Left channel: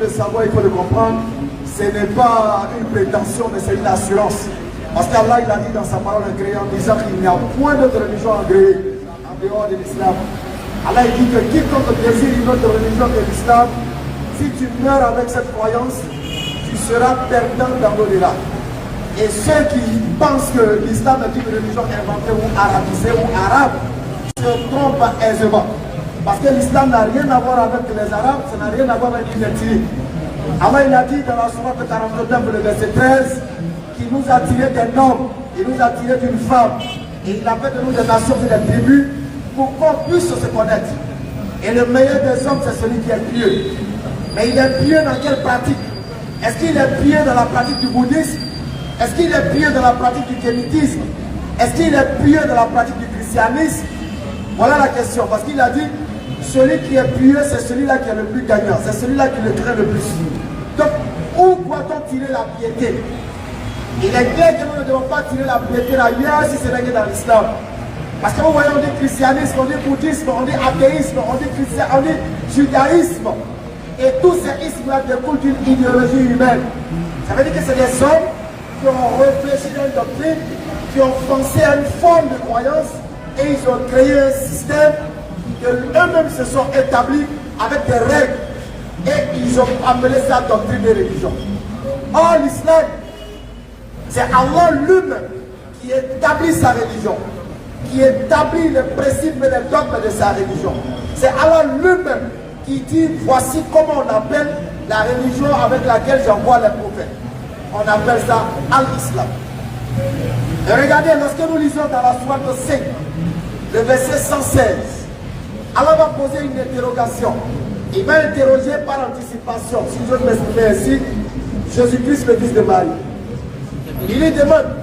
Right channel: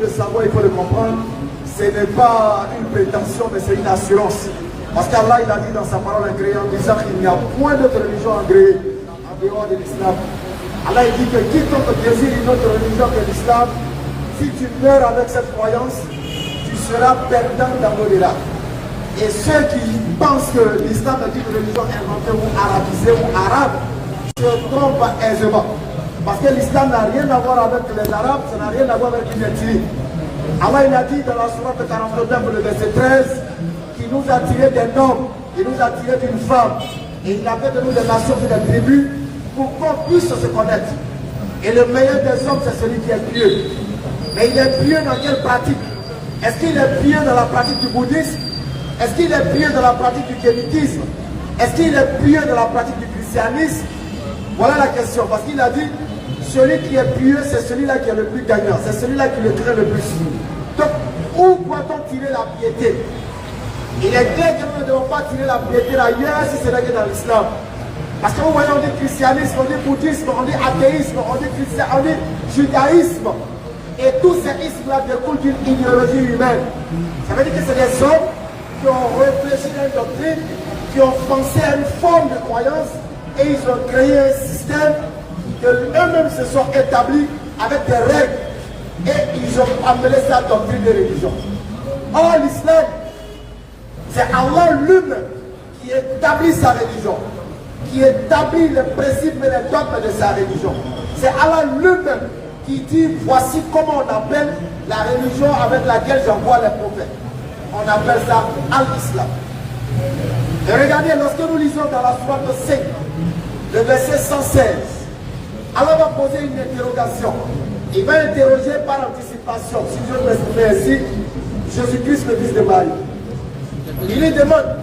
Le savoir, il faut le comprendre, ce n'est pas une prétention, mais c'est une assurance. Parce qu'Allah, il a dit dans sa parole créée en disant qu'il n'y a point d'autre religion agréée en dehors de l'islam. Allah, il dit que quiconque désire une autre religion que l'islam, si tu meurs avec cette croyance, tu seras perdant dans l'au-delà. Et ceux qui pensent que l'islam est une religion inventée ou arabisée ou arabe, se trompent aisément. Parce que l'islam n'a rien à voir avec les arabes, ça n'a rien à voir avec une ethnie. Allah, il a dit dans la sourate 49, le verset 13, qu'il nous a tiré d'un homme, il nous a tiré d'une femme, et il a fait de nous des nations et des tribus pour qu'on puisse se connaître. Et le meilleur des hommes, c'est celui qui est pieux. Mais il est pieux dans quelle pratique? Est-ce qu'il est pieux dans la pratique du bouddhisme? Est-ce qu'il est pieux dans la pratique du kémitisme? Est-ce qu'il est pieux dans la pratique du christianisme? Voilà la question, parce qu'il a dit, celui qui est pieux, c'est celui-là qui est le plus gagnant, c'est celui-là qui le craint le plus. Donc, où doit-on tirer la piété? Il est clair que nous ne devons pas tirer la piété ailleurs si ce n'est que dans l'islam. Parce que vous voyez, on dit christianisme, on dit bouddhisme, on dit athéisme, on dit judaïsme. Et tous ces ismes-là découlent d'une idéologie humaine. Ça veut dire que c'est des hommes qui ont réfléchi à une doctrine, qui ont pensé à une forme de croyance, et ils ont créé un système que eux-mêmes se sont établis avec des règles, et ils ont appelé ça doctrine de religion. Or, l'islam, c'est Allah lui-même qui établit sa religion, qui établit le principe et les dogmes de sa religion. C'est Allah lui-même qui dit, voici comment on appelle la religion avec laquelle j'envoie les prophètes. On appelle ça Al-Islam. Et regardez, lorsque nous lisons dans la sourate 5, le verset 116, Allah va poser une interrogation. Il va interroger par anticipation, si je peux l'exprimer ainsi, Jésus-Christ, le fils de Marie. Il lui demande,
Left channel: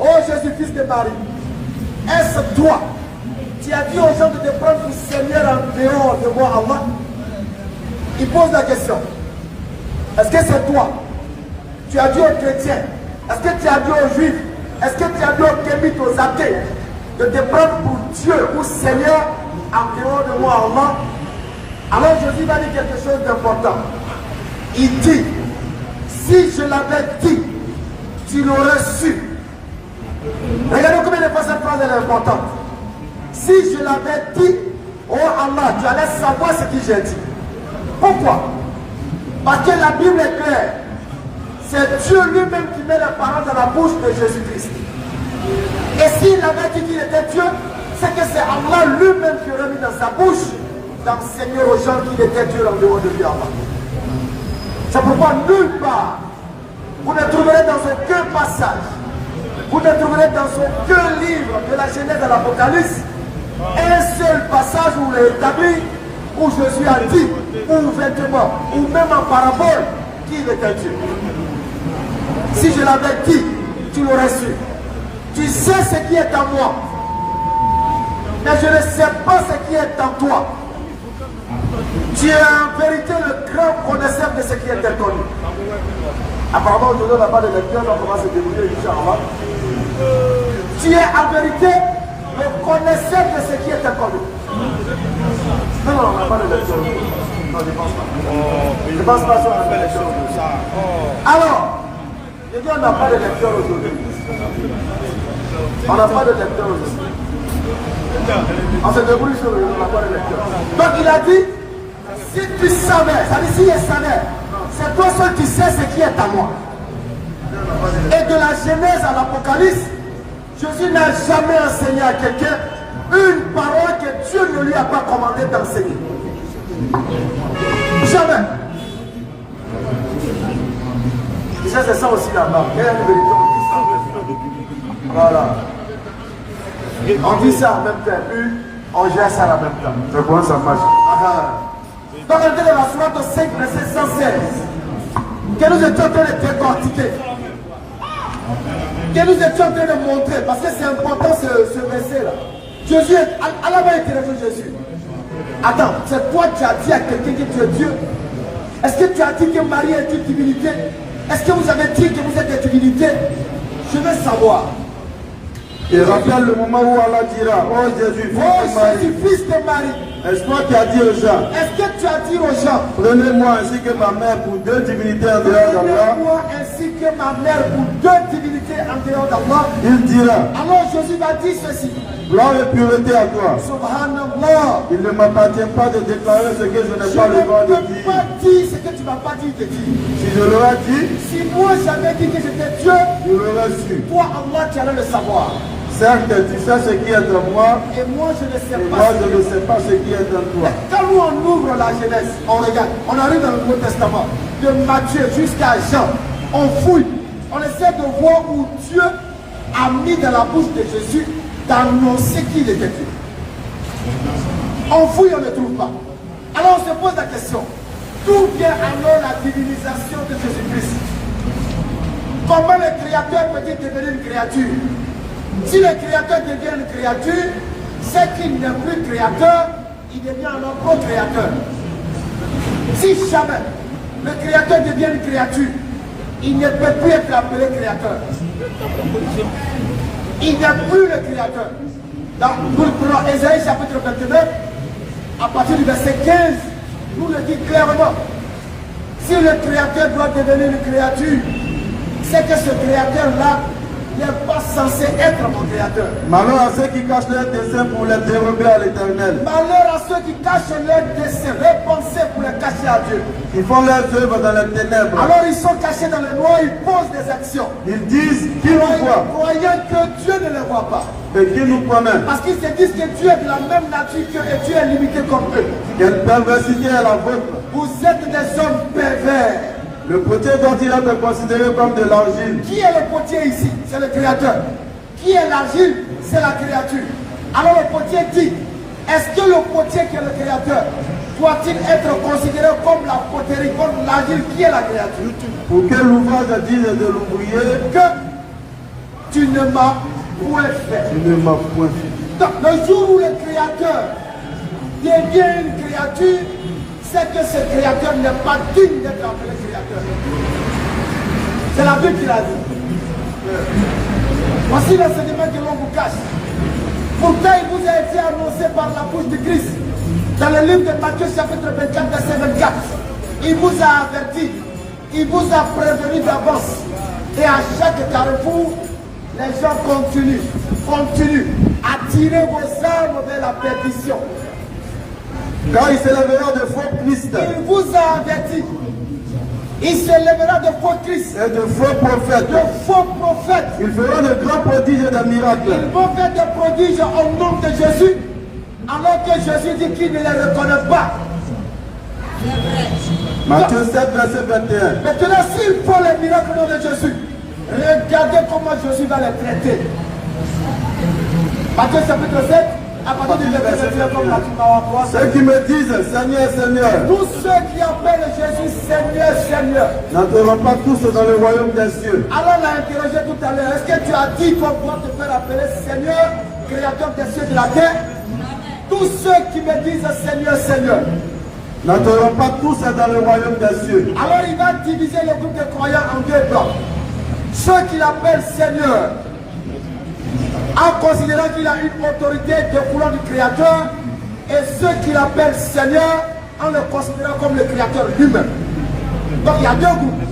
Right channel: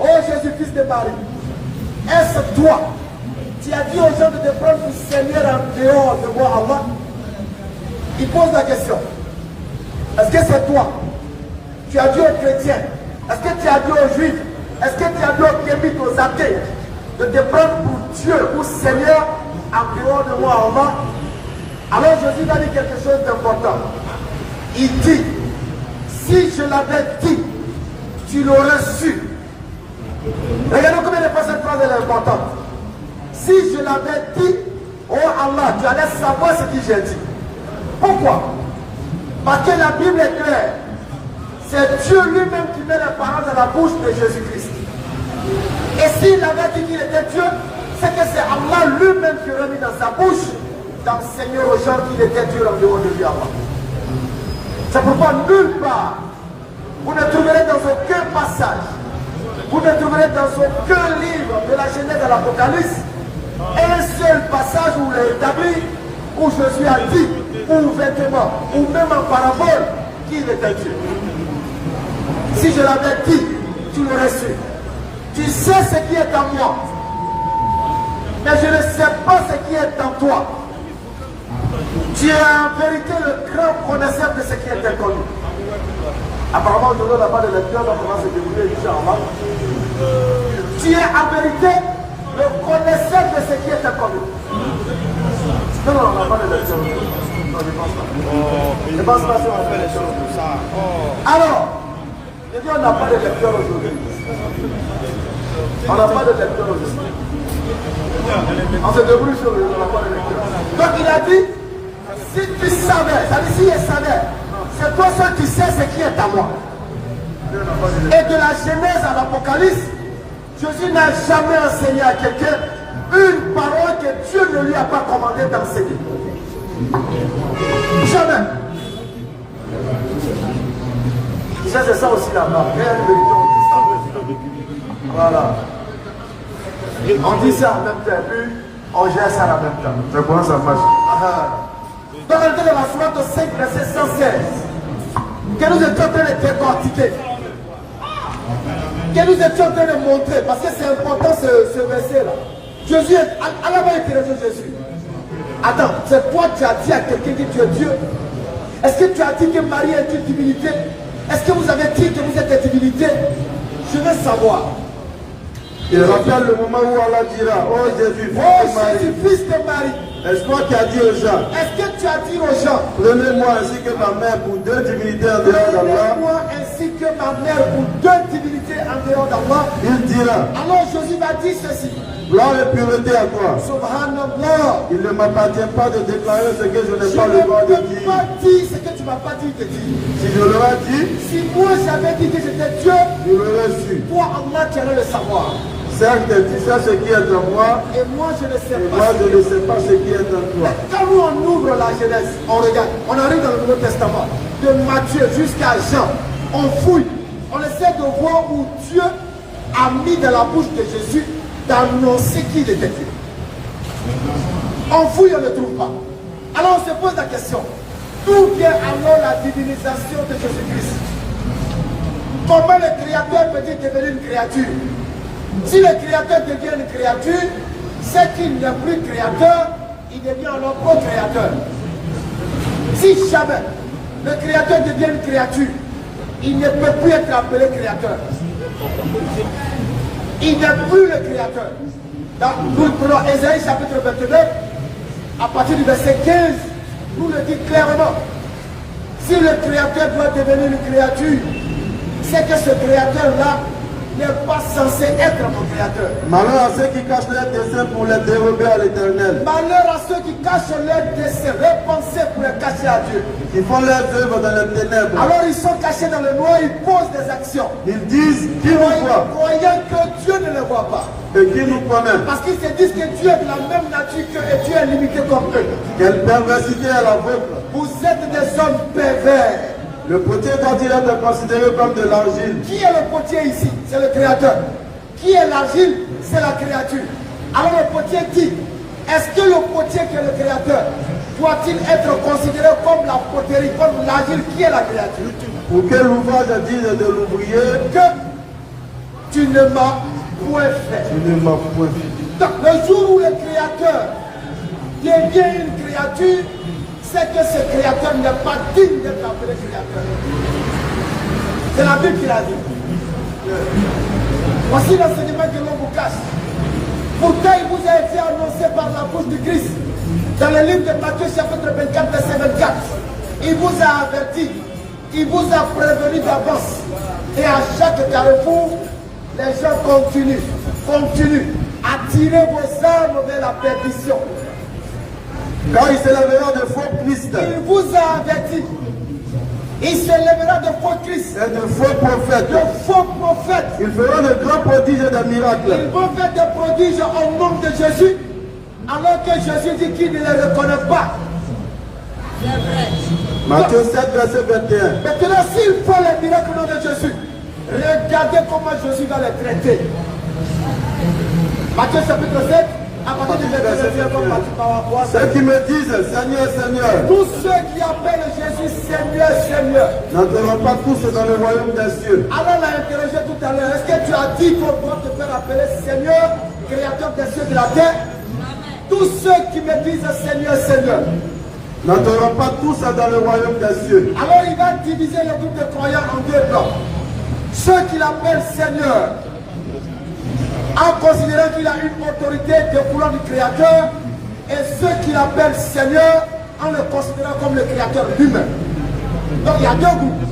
oh Jésus-Christ de Marie, est-ce toi? Tu as dit aux gens de te prendre pour Seigneur en dehors de moi, Allah? Il pose la question. Est-ce que c'est toi? Tu as dit aux chrétiens? Est-ce que tu as dit aux juifs? Est-ce que tu as dit aux kémites, aux athées, de te prendre pour Dieu, pour Seigneur en dehors de moi, Allah? Alors Jésus va dire quelque chose d'important. Il dit, si je l'avais dit, tu l'aurais su. Regardez combien de fois cette phrase est importante. Si je l'avais dit, oh Allah, tu allais savoir ce que j'ai dit. Pourquoi? Parce que la Bible est claire. C'est Dieu lui-même qui met les paroles dans la bouche de Jésus-Christ. Et s'il avait dit qu'il était Dieu, c'est que c'est Allah lui-même qui aurait mis dans sa bouche d'enseigner aux gens qu'il était Dieu en dehors de lui. C'est pourquoi nulle part, vous ne trouverez dans aucun passage, vous ne trouverez dans aucun livre de la Genèse de l'Apocalypse un seul passage où il est établi, où Jésus a dit, ou ouvertement, ou même en parabole, qu'il était Dieu. Si je l'avais dit, tu l'aurais su. Tu sais ce qui est en moi, mais je ne sais pas ce qui est en toi. Tu es en vérité le grand connaisseur de ce qui est en toi. Apparemment, aujourd'hui, on n'a pas de lecteur, on commence à se délivrer, Inch'Allah. Tu es en vérité le connaisseur de ce qui est en toi. Non, on n'a pas de lecteur. Je pense pas ça. On fait les choses de ça. Alors, je dis, on n'a pas de lecteur aujourd'hui. On n'a pas de lecteur aujourd'hui. On se débrouille sur le lecteur. Donc il a dit, si tu savais, ça dit si il savait, c'est toi seul qui sais ce qui est à moi. Et de la Genèse à l'Apocalypse, Jésus n'a jamais enseigné à quelqu'un une parole que Dieu ne lui a pas commandé d'enseigner. Jamais. C'est ça aussi là-bas. Voilà. On dit ça en même temps, puis on gère ça en même temps. C'est bon, ça marche. Donc, on était dans la sourate 5, verset 116, que nous étions en train de décortiquer, que nous étions en train de montrer, parce que c'est important ce verset-là. Jésus, Allah va interroger Jésus. Attends, c'est toi qui as dit à quelqu'un que tu es Dieu? Est-ce que tu as dit que Marie est une divinité? Est-ce que vous avez dit que vous êtes des divinités? Je veux savoir. Il rappelle le moment où Allah dira, oh Jésus, fils de Marie, est-ce toi qui as dit aux gens? Est-ce que tu tu as dit aux gens, prenez-moi ainsi que ma mère pour deux divinités en dehors d'Allah. prenez-moi ainsi que ma mère pour deux divinités en dehors d'Allah. Il dira, Alors Jésus va dire ceci. gloire et pureté à toi. Subhanallah. Il ne m'appartient pas de déclarer ce que je n'ai Je pas le droit de ne peux dire. pas dire ce que tu ne m'as pas dit de dire. Si je l'aurais dit, Si moi j'avais dit que j'étais Dieu, je l'aurais su. toi Allah tu allais le savoir. Certes, tu sais ce qui est en moi, Et moi je ne sais et pas. moi je ne sais pas ce qui est en toi. Quand nous on ouvre la Genèse, on regarde, on arrive dans le Nouveau Testament, de Matthieu jusqu'à Jean, on fouille, on essaie de voir où Dieu a mis dans la bouche de Jésus d'annoncer qu'il était Dieu. On fouille, on ne trouve pas. Alors on se pose la question, d'où vient alors la divinisation de Jésus-Christ? Comment le Créateur peut-il devenir une créature? Si le Créateur devient une créature, c'est qu'il n'est plus créateur, il devient alors co-créateur. Si jamais le Créateur devient une créature, il ne peut plus être appelé créateur. Il n'est plus le créateur. Dans Ésaïe chapitre 29, à partir du verset 15, nous le dit clairement. Si le créateur doit devenir une créature, c'est que ce créateur-là n'est pas censé être mon créateur. Malheur à ceux qui cachent leurs desseins pour les dérober à l'Éternel. Malheur à ceux qui cachent leurs desseins, leurs pensées pour les cacher à Dieu. Ils font leurs œuvres dans les ténèbres. Alors ils sont cachés dans le noir, ils posent des actions. Ils disent qui nous voit Croyant que Dieu ne les voit pas. et qui nous connaît. Parce qu'ils se disent que Dieu est de la même nature qu'eux et Dieu est limité comme eux. Quelle perversité est la vôtre. Vous êtes des hommes pervers. Le potier doit-il être considéré comme de l'argile? Qui est le potier ici? C'est le créateur. Qui est l'argile? C'est la créature. Alors le potier dit, est-ce que le potier qui est le créateur doit-il être considéré comme la poterie, comme l'argile qui est la créature? Pour que l'ouvrage dise de l'ouvrier, Que tu ne m'as point fait. tu ne m'as point fait. Donc le jour où le créateur devient une créature, c'est que ce créateur n'est pas digne d'être appelé créateur. C'est la Bible qui l'a dit. Voici l'enseignement que l'on vous cache. Pourtant, il vous a été annoncé par la bouche de Christ. Dans le livre de Matthieu, chapitre 24, verset 24. Il vous a averti, il vous a prévenu d'avance. Et à chaque carrefour, les gens continuent à tirer vos armes vers la perdition. Car il s'élèvera de faux Christ Il vous a averti. Il s'élèvera de faux Christ, et de faux prophètes. de faux prophètes. Il fera de grands prodiges et de miracles. Ils vont faire des prodiges au nom de Jésus, alors que Jésus dit qu'il ne les reconnaît pas. Matthieu 7, verset 21. Maintenant, s'ils font les miracles au nom de Jésus, regardez comment Jésus va les traiter. Matthieu chapitre 7, à partir du verset 21, comme tu vas voir. Ceux qui me disent Seigneur, Seigneur, Tous ceux qui appellent Jésus Seigneur, Seigneur. n'entreront pas tous dans le royaume des cieux. Alors, on l'a interrogé tout à l'heure. Est-ce que tu as dit qu'on doit te faire appeler Seigneur, créateur des cieux et de la terre? Tous ceux qui me disent Seigneur, Seigneur. N'entreront pas tous dans le royaume des cieux. Alors, il va diviser le groupe de croyants en deux blocs. Ceux qui l'appellent Seigneur, en considérant qu'il a une autorité découlant du Créateur, et ceux qui l'appellent Seigneur, en le considérant comme le Créateur lui-même. Donc il y a deux groupes.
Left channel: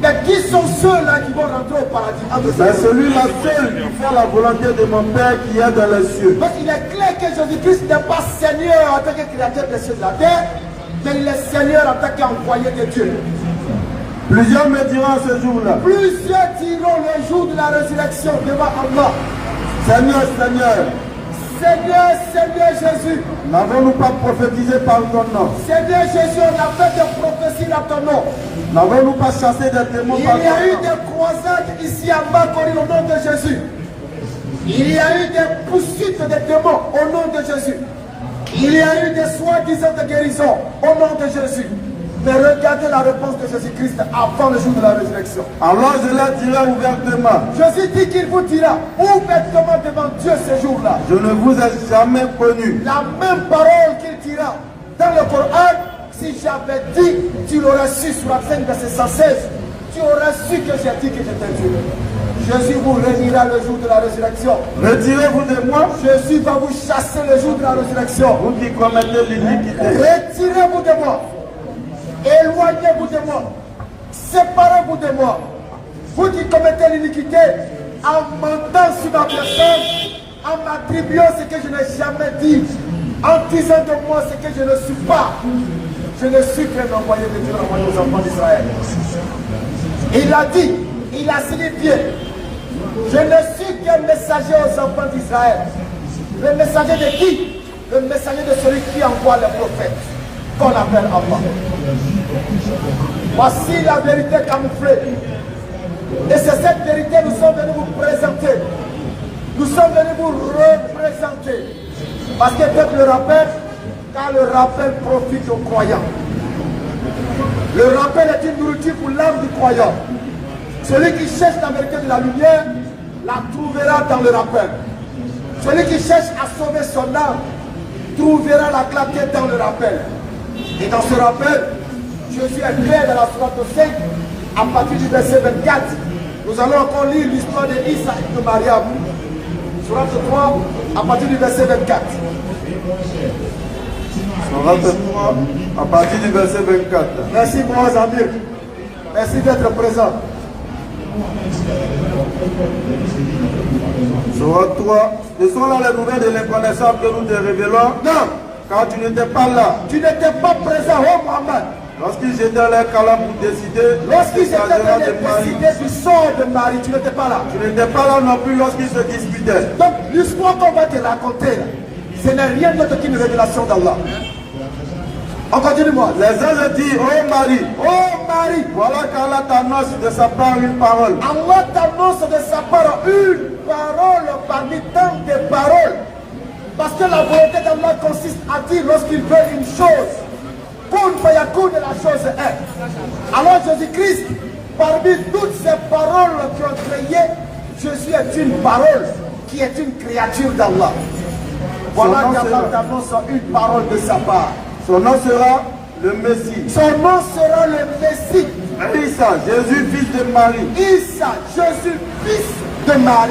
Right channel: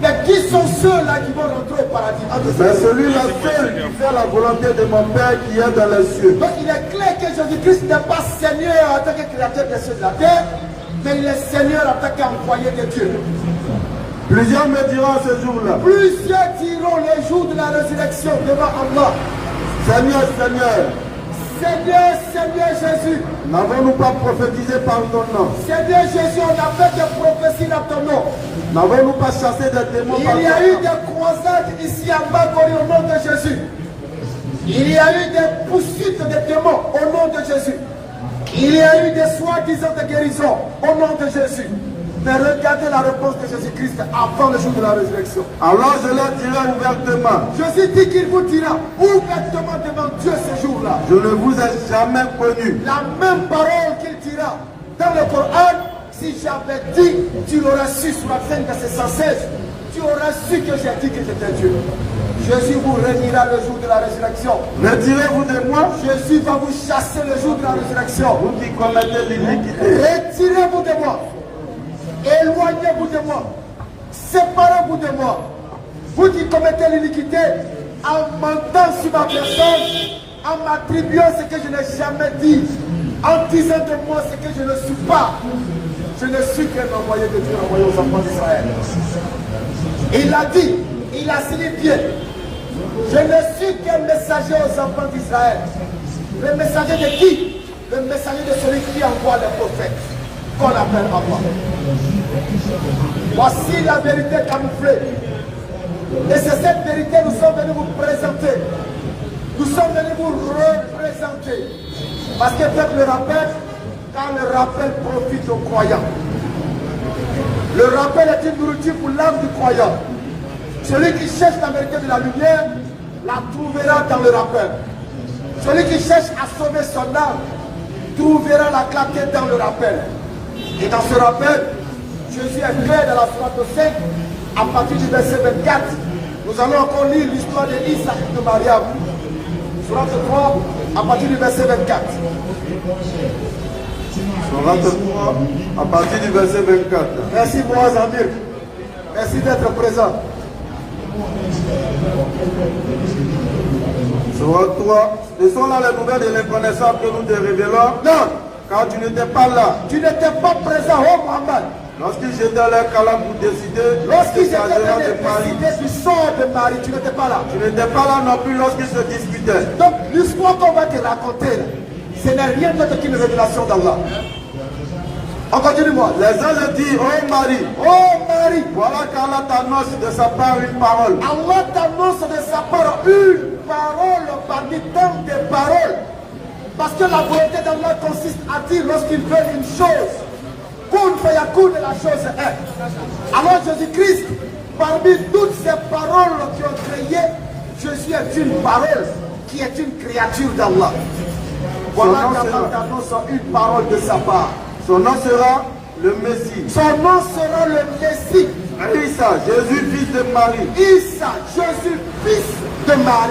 Mais qui sont ceux-là qui vont rentrer au paradis? C'est celui-là seul qui fait la volonté de mon Père qui est dans les cieux. Donc il est clair que Jésus-Christ n'est pas Seigneur en tant que Créateur des cieux et de la terre, mais il est Seigneur en tant qu'envoyé de Dieu. Plusieurs me diront ce jour-là, Plusieurs diront le jour de la résurrection devant Allah, Seigneur, Seigneur, Seigneur, Seigneur Jésus, n'avons-nous pas prophétisé par ton nom? Seigneur Jésus, on a fait des prophéties dans ton nom. N'avons-nous pas chassé des démons Il par y ton a eu nom? des croisades ici à Makori au nom de Jésus. Il y a eu des poursuites de démons au nom de Jésus. Il y a eu des soi-disant de guérison au nom de Jésus. Mais regardez la réponse de Jésus-Christ avant le jour de la résurrection. Alors je leur dirai ouvertement, Jésus dit qu'il vous dira ouvertement devant Dieu ce jour-là. je ne vous ai jamais connu. La même parole qu'il dira dans le Coran, si j'avais dit, tu l'aurais su sur la scène de ces 116. tu aurais su que j'ai dit que j'étais Dieu. Jésus vous réunira le jour de la résurrection. Retirez-vous de moi. Jésus va vous chasser le jour de la résurrection. Vous qui commettez l'iniquité. Retirez-vous de moi. Éloignez-vous de moi. Séparez-vous de moi. Vous qui commettez l'iniquité en mentant sur ma personne, en m'attribuant ce que je n'ai jamais dit, en disant de moi ce que je ne suis pas. Je ne suis qu'un envoyé de Dieu envoyé aux enfants d'Israël. Il a dit, il a signifié, je ne suis qu'un messager aux enfants d'Israël. Le messager de qui? Le messager de celui qui envoie les prophètes, qu'on appelle enfant. Voici la vérité camouflée. Et c'est cette vérité que nous sommes venus vous présenter. Nous sommes venus vous représenter. Parce que peut-être le rappel, car le rappel profite aux croyants. Le rappel est une nourriture pour l'âme du croyant. Celui qui cherche la vérité de la lumière, la trouvera dans le rappel. Celui qui cherche à sauver son âme, trouvera la clarté dans le rappel. Et dans ce rappel, Jésus est clair dans la sourate 5, à partir du verset 24. Nous allons encore lire l'histoire de Isa et de Mariam. Sourate 3, à partir du verset 24. Sourate 3, à partir du verset 24. Merci pour vos amis. Merci d'être présent. Sourate 3. Ce sont là les nouvelles de l'incarnation que nous te révélons. Non, Car tu n'étais pas là. tu n'étais pas présent, oh Mohamed. Lorsqu'ils jetaient leur calame pour décider. Lorsqu'ils étaient s'agissant venus de Marie. décider du sort de Marie, tu n'étais pas là. Tu n'étais pas là non plus lorsqu'ils se disputaient. Donc, l'histoire qu'on va te raconter, ce n'est rien d'autre qu'une révélation d'Allah. On continue, moi. Les anges dirent, oh Marie, Oh Marie, voilà qu'Allah t'annonce de sa part une parole. Allah t'annonce de sa part une parole parmi tant de paroles. Parce que la volonté d'Allah consiste à dire lorsqu'il veut une chose, kun fayakun, la chose est. Alors Jésus-Christ, parmi toutes ces paroles qui ont créé, Jésus est une parole qui est une créature d'Allah. Voilà qu'Allah t'annonce une parole de sa part. Son nom sera le Messie. Son nom sera le Messie. Isa, Jésus, fils de Marie. Isa, Jésus, fils de Marie.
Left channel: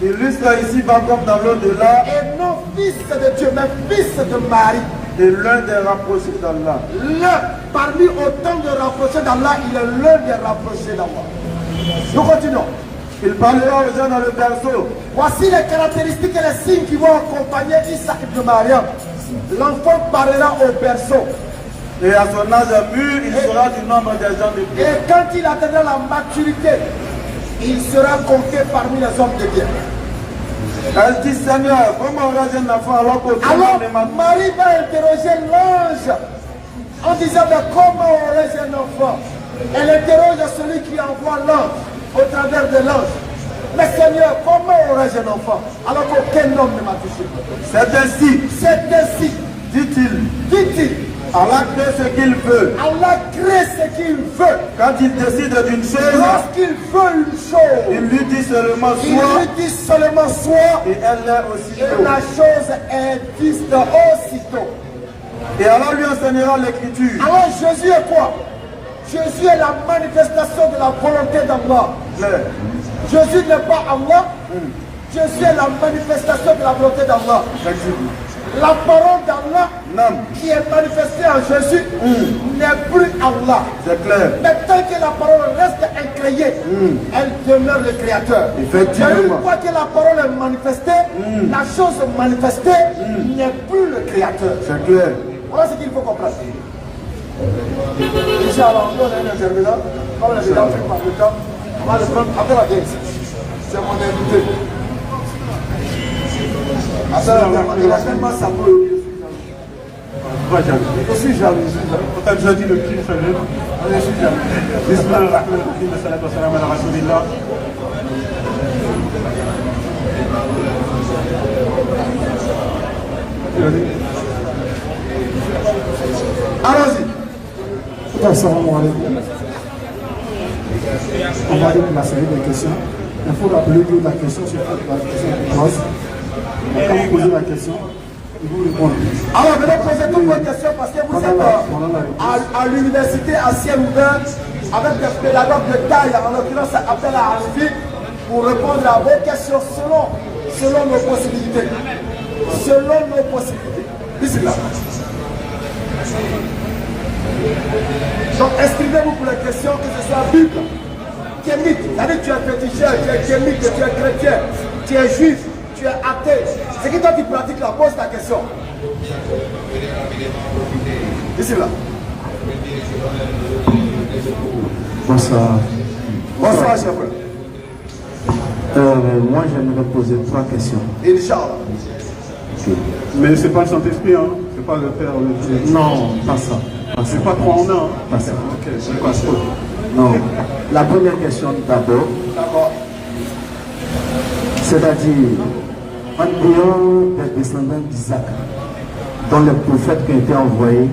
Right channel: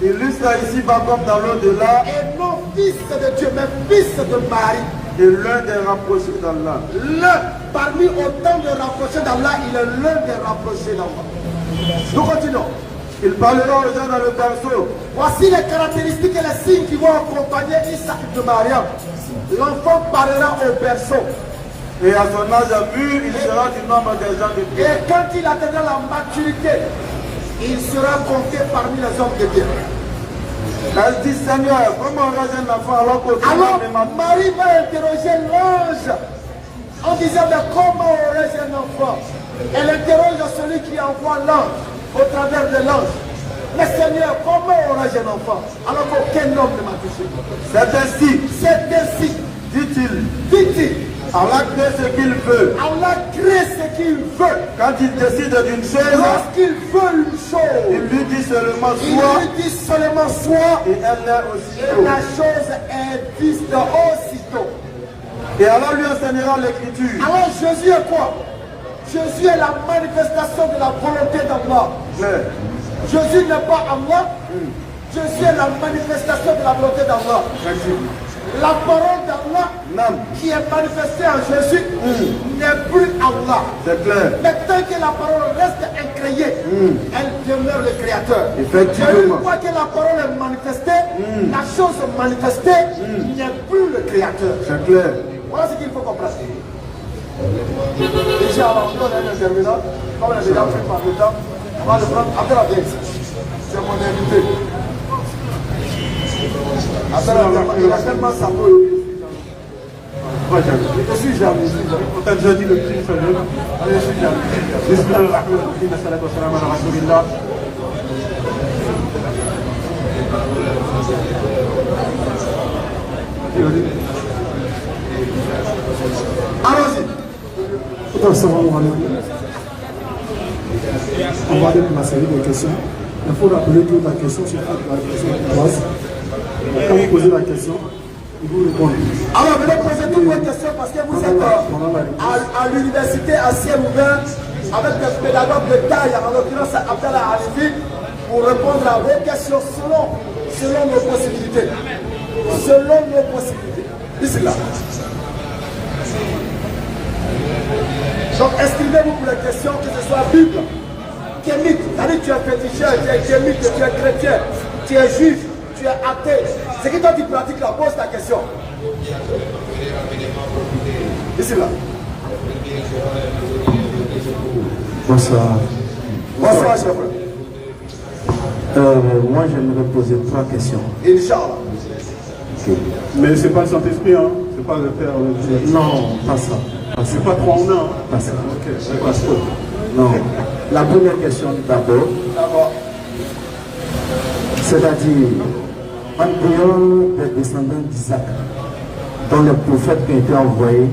Illustre ici bas comme dans l'au-delà. Et non fils de Dieu, mais fils de Marie. Et l'un des rapprochés d'Allah. L'un, parmi autant de rapprochés d'Allah, il est l'un des rapprochés d'Allah. Nous continuons. Il parlera aux gens dans le berceau. Voici les caractéristiques et les signes qui vont accompagner Isaac de Mariam. L'enfant parlera au berceau. Et à son âge mûr, il sera du nombre des gens de Dieu. Et quand il atteindra la maturité, il sera compté parmi les hommes de Dieu. Elle dit, Seigneur, comment aurais-je un enfant alors que Alors, Marie va interroger l'ange en disant, mais comment aurais-je un enfant? Elle interroge celui qui envoie l'ange au travers de l'ange. Mais Seigneur, comment aurais-je un enfant? Alors qu'aucun homme ne m'a touché. C'est ainsi, dit-il. Dit-il, Allah crée ce qu'il veut. Allah crée ce qu'il veut. Quand il décide d'une chose, Lorsqu'il veut une chose, il lui dit seulement il soit, lui dit seulement soit, et elle l'est et aussitôt. la chose existe aussitôt. Et Allah lui enseignera l'écriture. Alors Jésus est quoi? Jésus est la manifestation de la volonté d'Allah. Jésus n'est pas Allah. Jésus est la manifestation de la volonté d'Allah. La parole d'Allah qui est manifestée en Jésus n'est plus Allah. C'est clair. Mais tant que la parole reste incréée, elle demeure le Créateur. Effectivement. Mais une fois que la parole est manifestée, la chose manifestée n'est plus le Créateur. C'est clair. Voilà ce qu'il faut comprendre. Inch'Allah, on a un intervenant. Comme les gens font par le temps, on va le prendre après la guerre. C'est mon invité. Il a tellement sa peu. Je suis jaloux. Je dis le plus fameux. Je suis jaloux. Bismillahirrahmanirrahim. Salatu wassalam ala rasulillah. Allons-y. Assalamu alaikum. On va donner la série de questions. Il faut rappeler que la question, c'est la question de classe. Quand vous posez la question, il vous répond. Alors, je vais poser toutes vos questions parce que vous êtes à l'université à ciel ouvert avec des pédagogues de taille, en l'occurrence appel à Arifine, pour répondre à vos questions selon nos possibilités. Selon nos possibilités. Ici là. Donc exprimez-vous pour les questions, que ce soit Bible, kémite, c'est-à-dire tu es féticheur, tu es kémite, tu es chrétien, tu es juif, tu es athée. C'est qui toi tu pratiques là, pose ta question. Ici là. Bonsoir. Bonsoir, chef. Moi, j'aimerais poser 3 questions. Inch'Allah. Okay. Mais c'est pas le Saint-Esprit, hein? C'est pas le Père. Non, pas ça. C'est pas 3 en 1. Hein? Pas ça. Ok, c'est pas ça. Non. La première question d'abord. D'accord. C'est-à-dire, en dehors des descendants d'Isaac, dont les prophètes qui ont été envoyés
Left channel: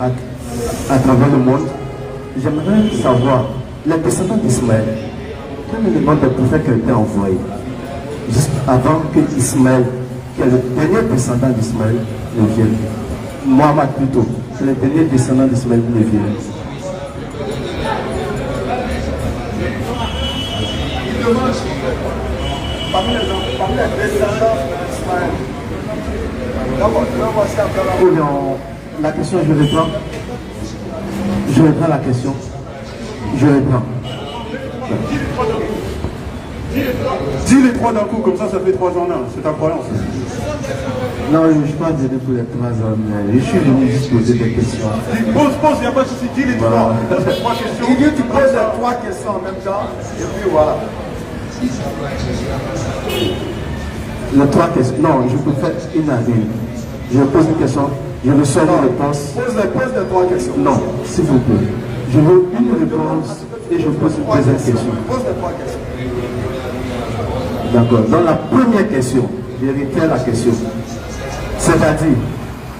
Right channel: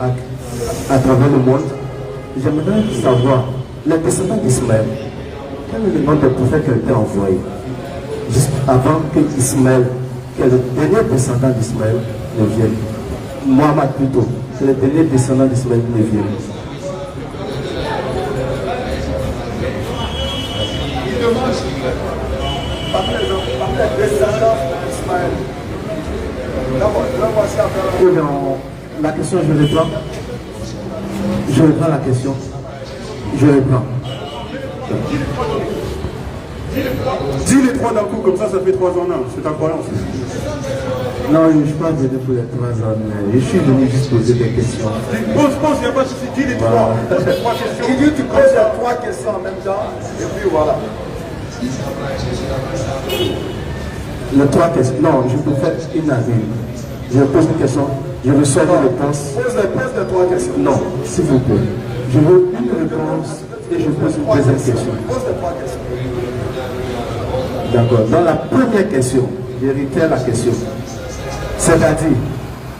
à travers le monde, j'aimerais savoir, les descendants d'Ismaël, quel est le nombre de prophètes qui ont été envoyés juste avant que Ismaël, qui est le dernier descendant d'Ismaël, ne vienne. Mohammed plutôt, c'est le dernier descendant d'Ismaël qui ne vienne. Oh non, la question, je reprends. Je reprends la question. Je reprends. Dis les 3 d'un coup, comme ça fait 3 en 1. C'est ta croyance. Non, je ne suis pas venu pour les 3 ans. Je suis venu juste poser des questions. Pose, il n'y a pas de souci. Dis les 3. Il dit tu poses les 3 questions en même temps, et puis voilà. Les 3 questions. Non, je peux faire une à une. Je pose une question, je reçois une réponse. Pose les 3 questions. Non, s'il vous plaît. Je veux une réponse et je pose une deuxième question. Pose les 3 questions. D'accord. Dans la première question, je retire la question. C'est-à-dire,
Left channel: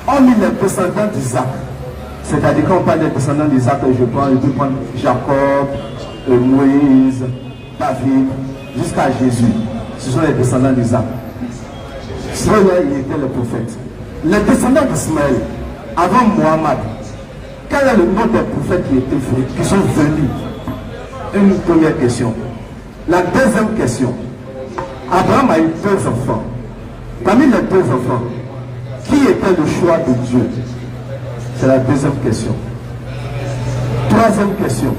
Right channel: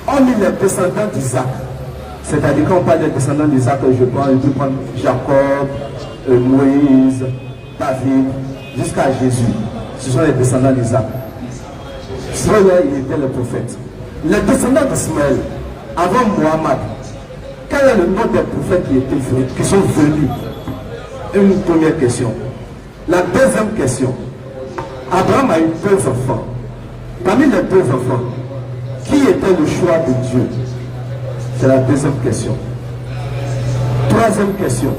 on met les descendants d'Isaac. C'est-à-dire, quand on parle des descendants d'Isaac, je peux prendre Jacob, Moïse, David, jusqu'à Jésus. Ce sont les descendants d'Isaac. C'est vrai, ils étaient les prophètes. Les descendants d'Ismaël, avant Mohammed, quel est le nom des prophètes qui sont venus? Une première question. La deuxième question. Abraham a eu 2 enfants. Parmi les 2 enfants, qui était le choix de Dieu? C'est la deuxième question. Troisième question.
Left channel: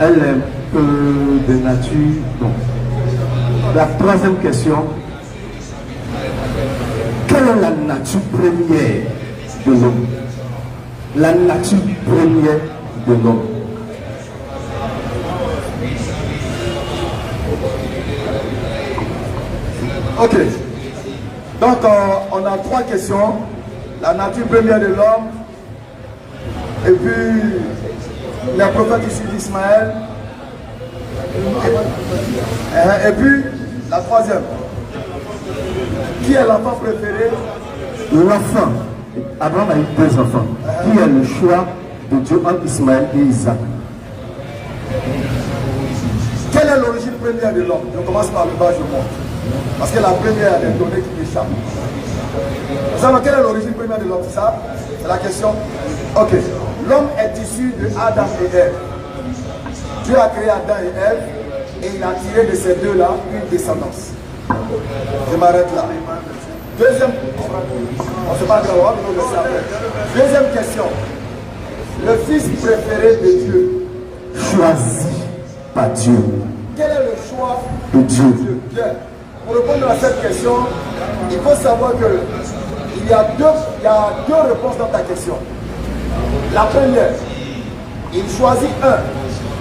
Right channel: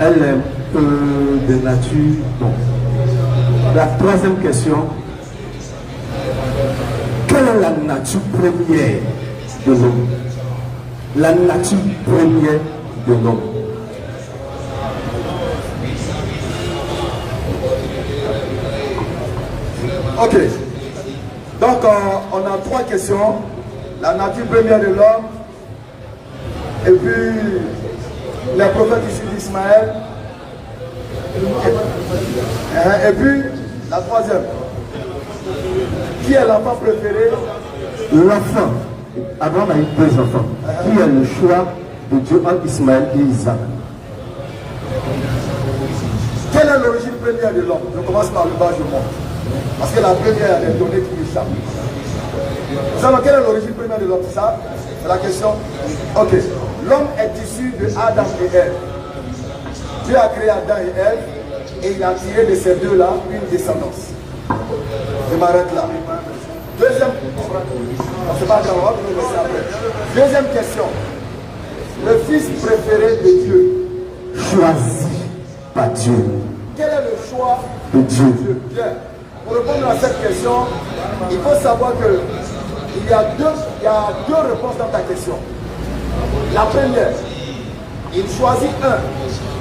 Elle est de nature. Non. La troisième question. Quelle est la nature première de l'homme? La nature première de l'homme. Ok. Donc, on a 3 questions. La nature première de l'homme. Et puis, les prophètes issus d'Ismaël. Et puis, la 3e. Qui est l'enfant préféré? L'enfant. Abraham a eu 2 enfants. Qui est le choix de Dieu entre Ismaël et Isaac? Quelle est l'origine première de l'homme? Je commence par le bas, je monte. Parce que la première est donnée qui m'échappe. Vous savez quelle est l'origine première de l'homme? Ça, c'est la question. Ok. L'homme est issu de Adam et Ève. Dieu a créé Adam et Ève et il a tiré de ces deux-là une descendance. Je m'arrête là. Deuxième question. Le fils préféré de Dieu. Choisi par Dieu. Quel est le choix de Dieu? Bien. Pour répondre à cette question, il faut savoir que il y a deux réponses dans ta question. La première, il choisit un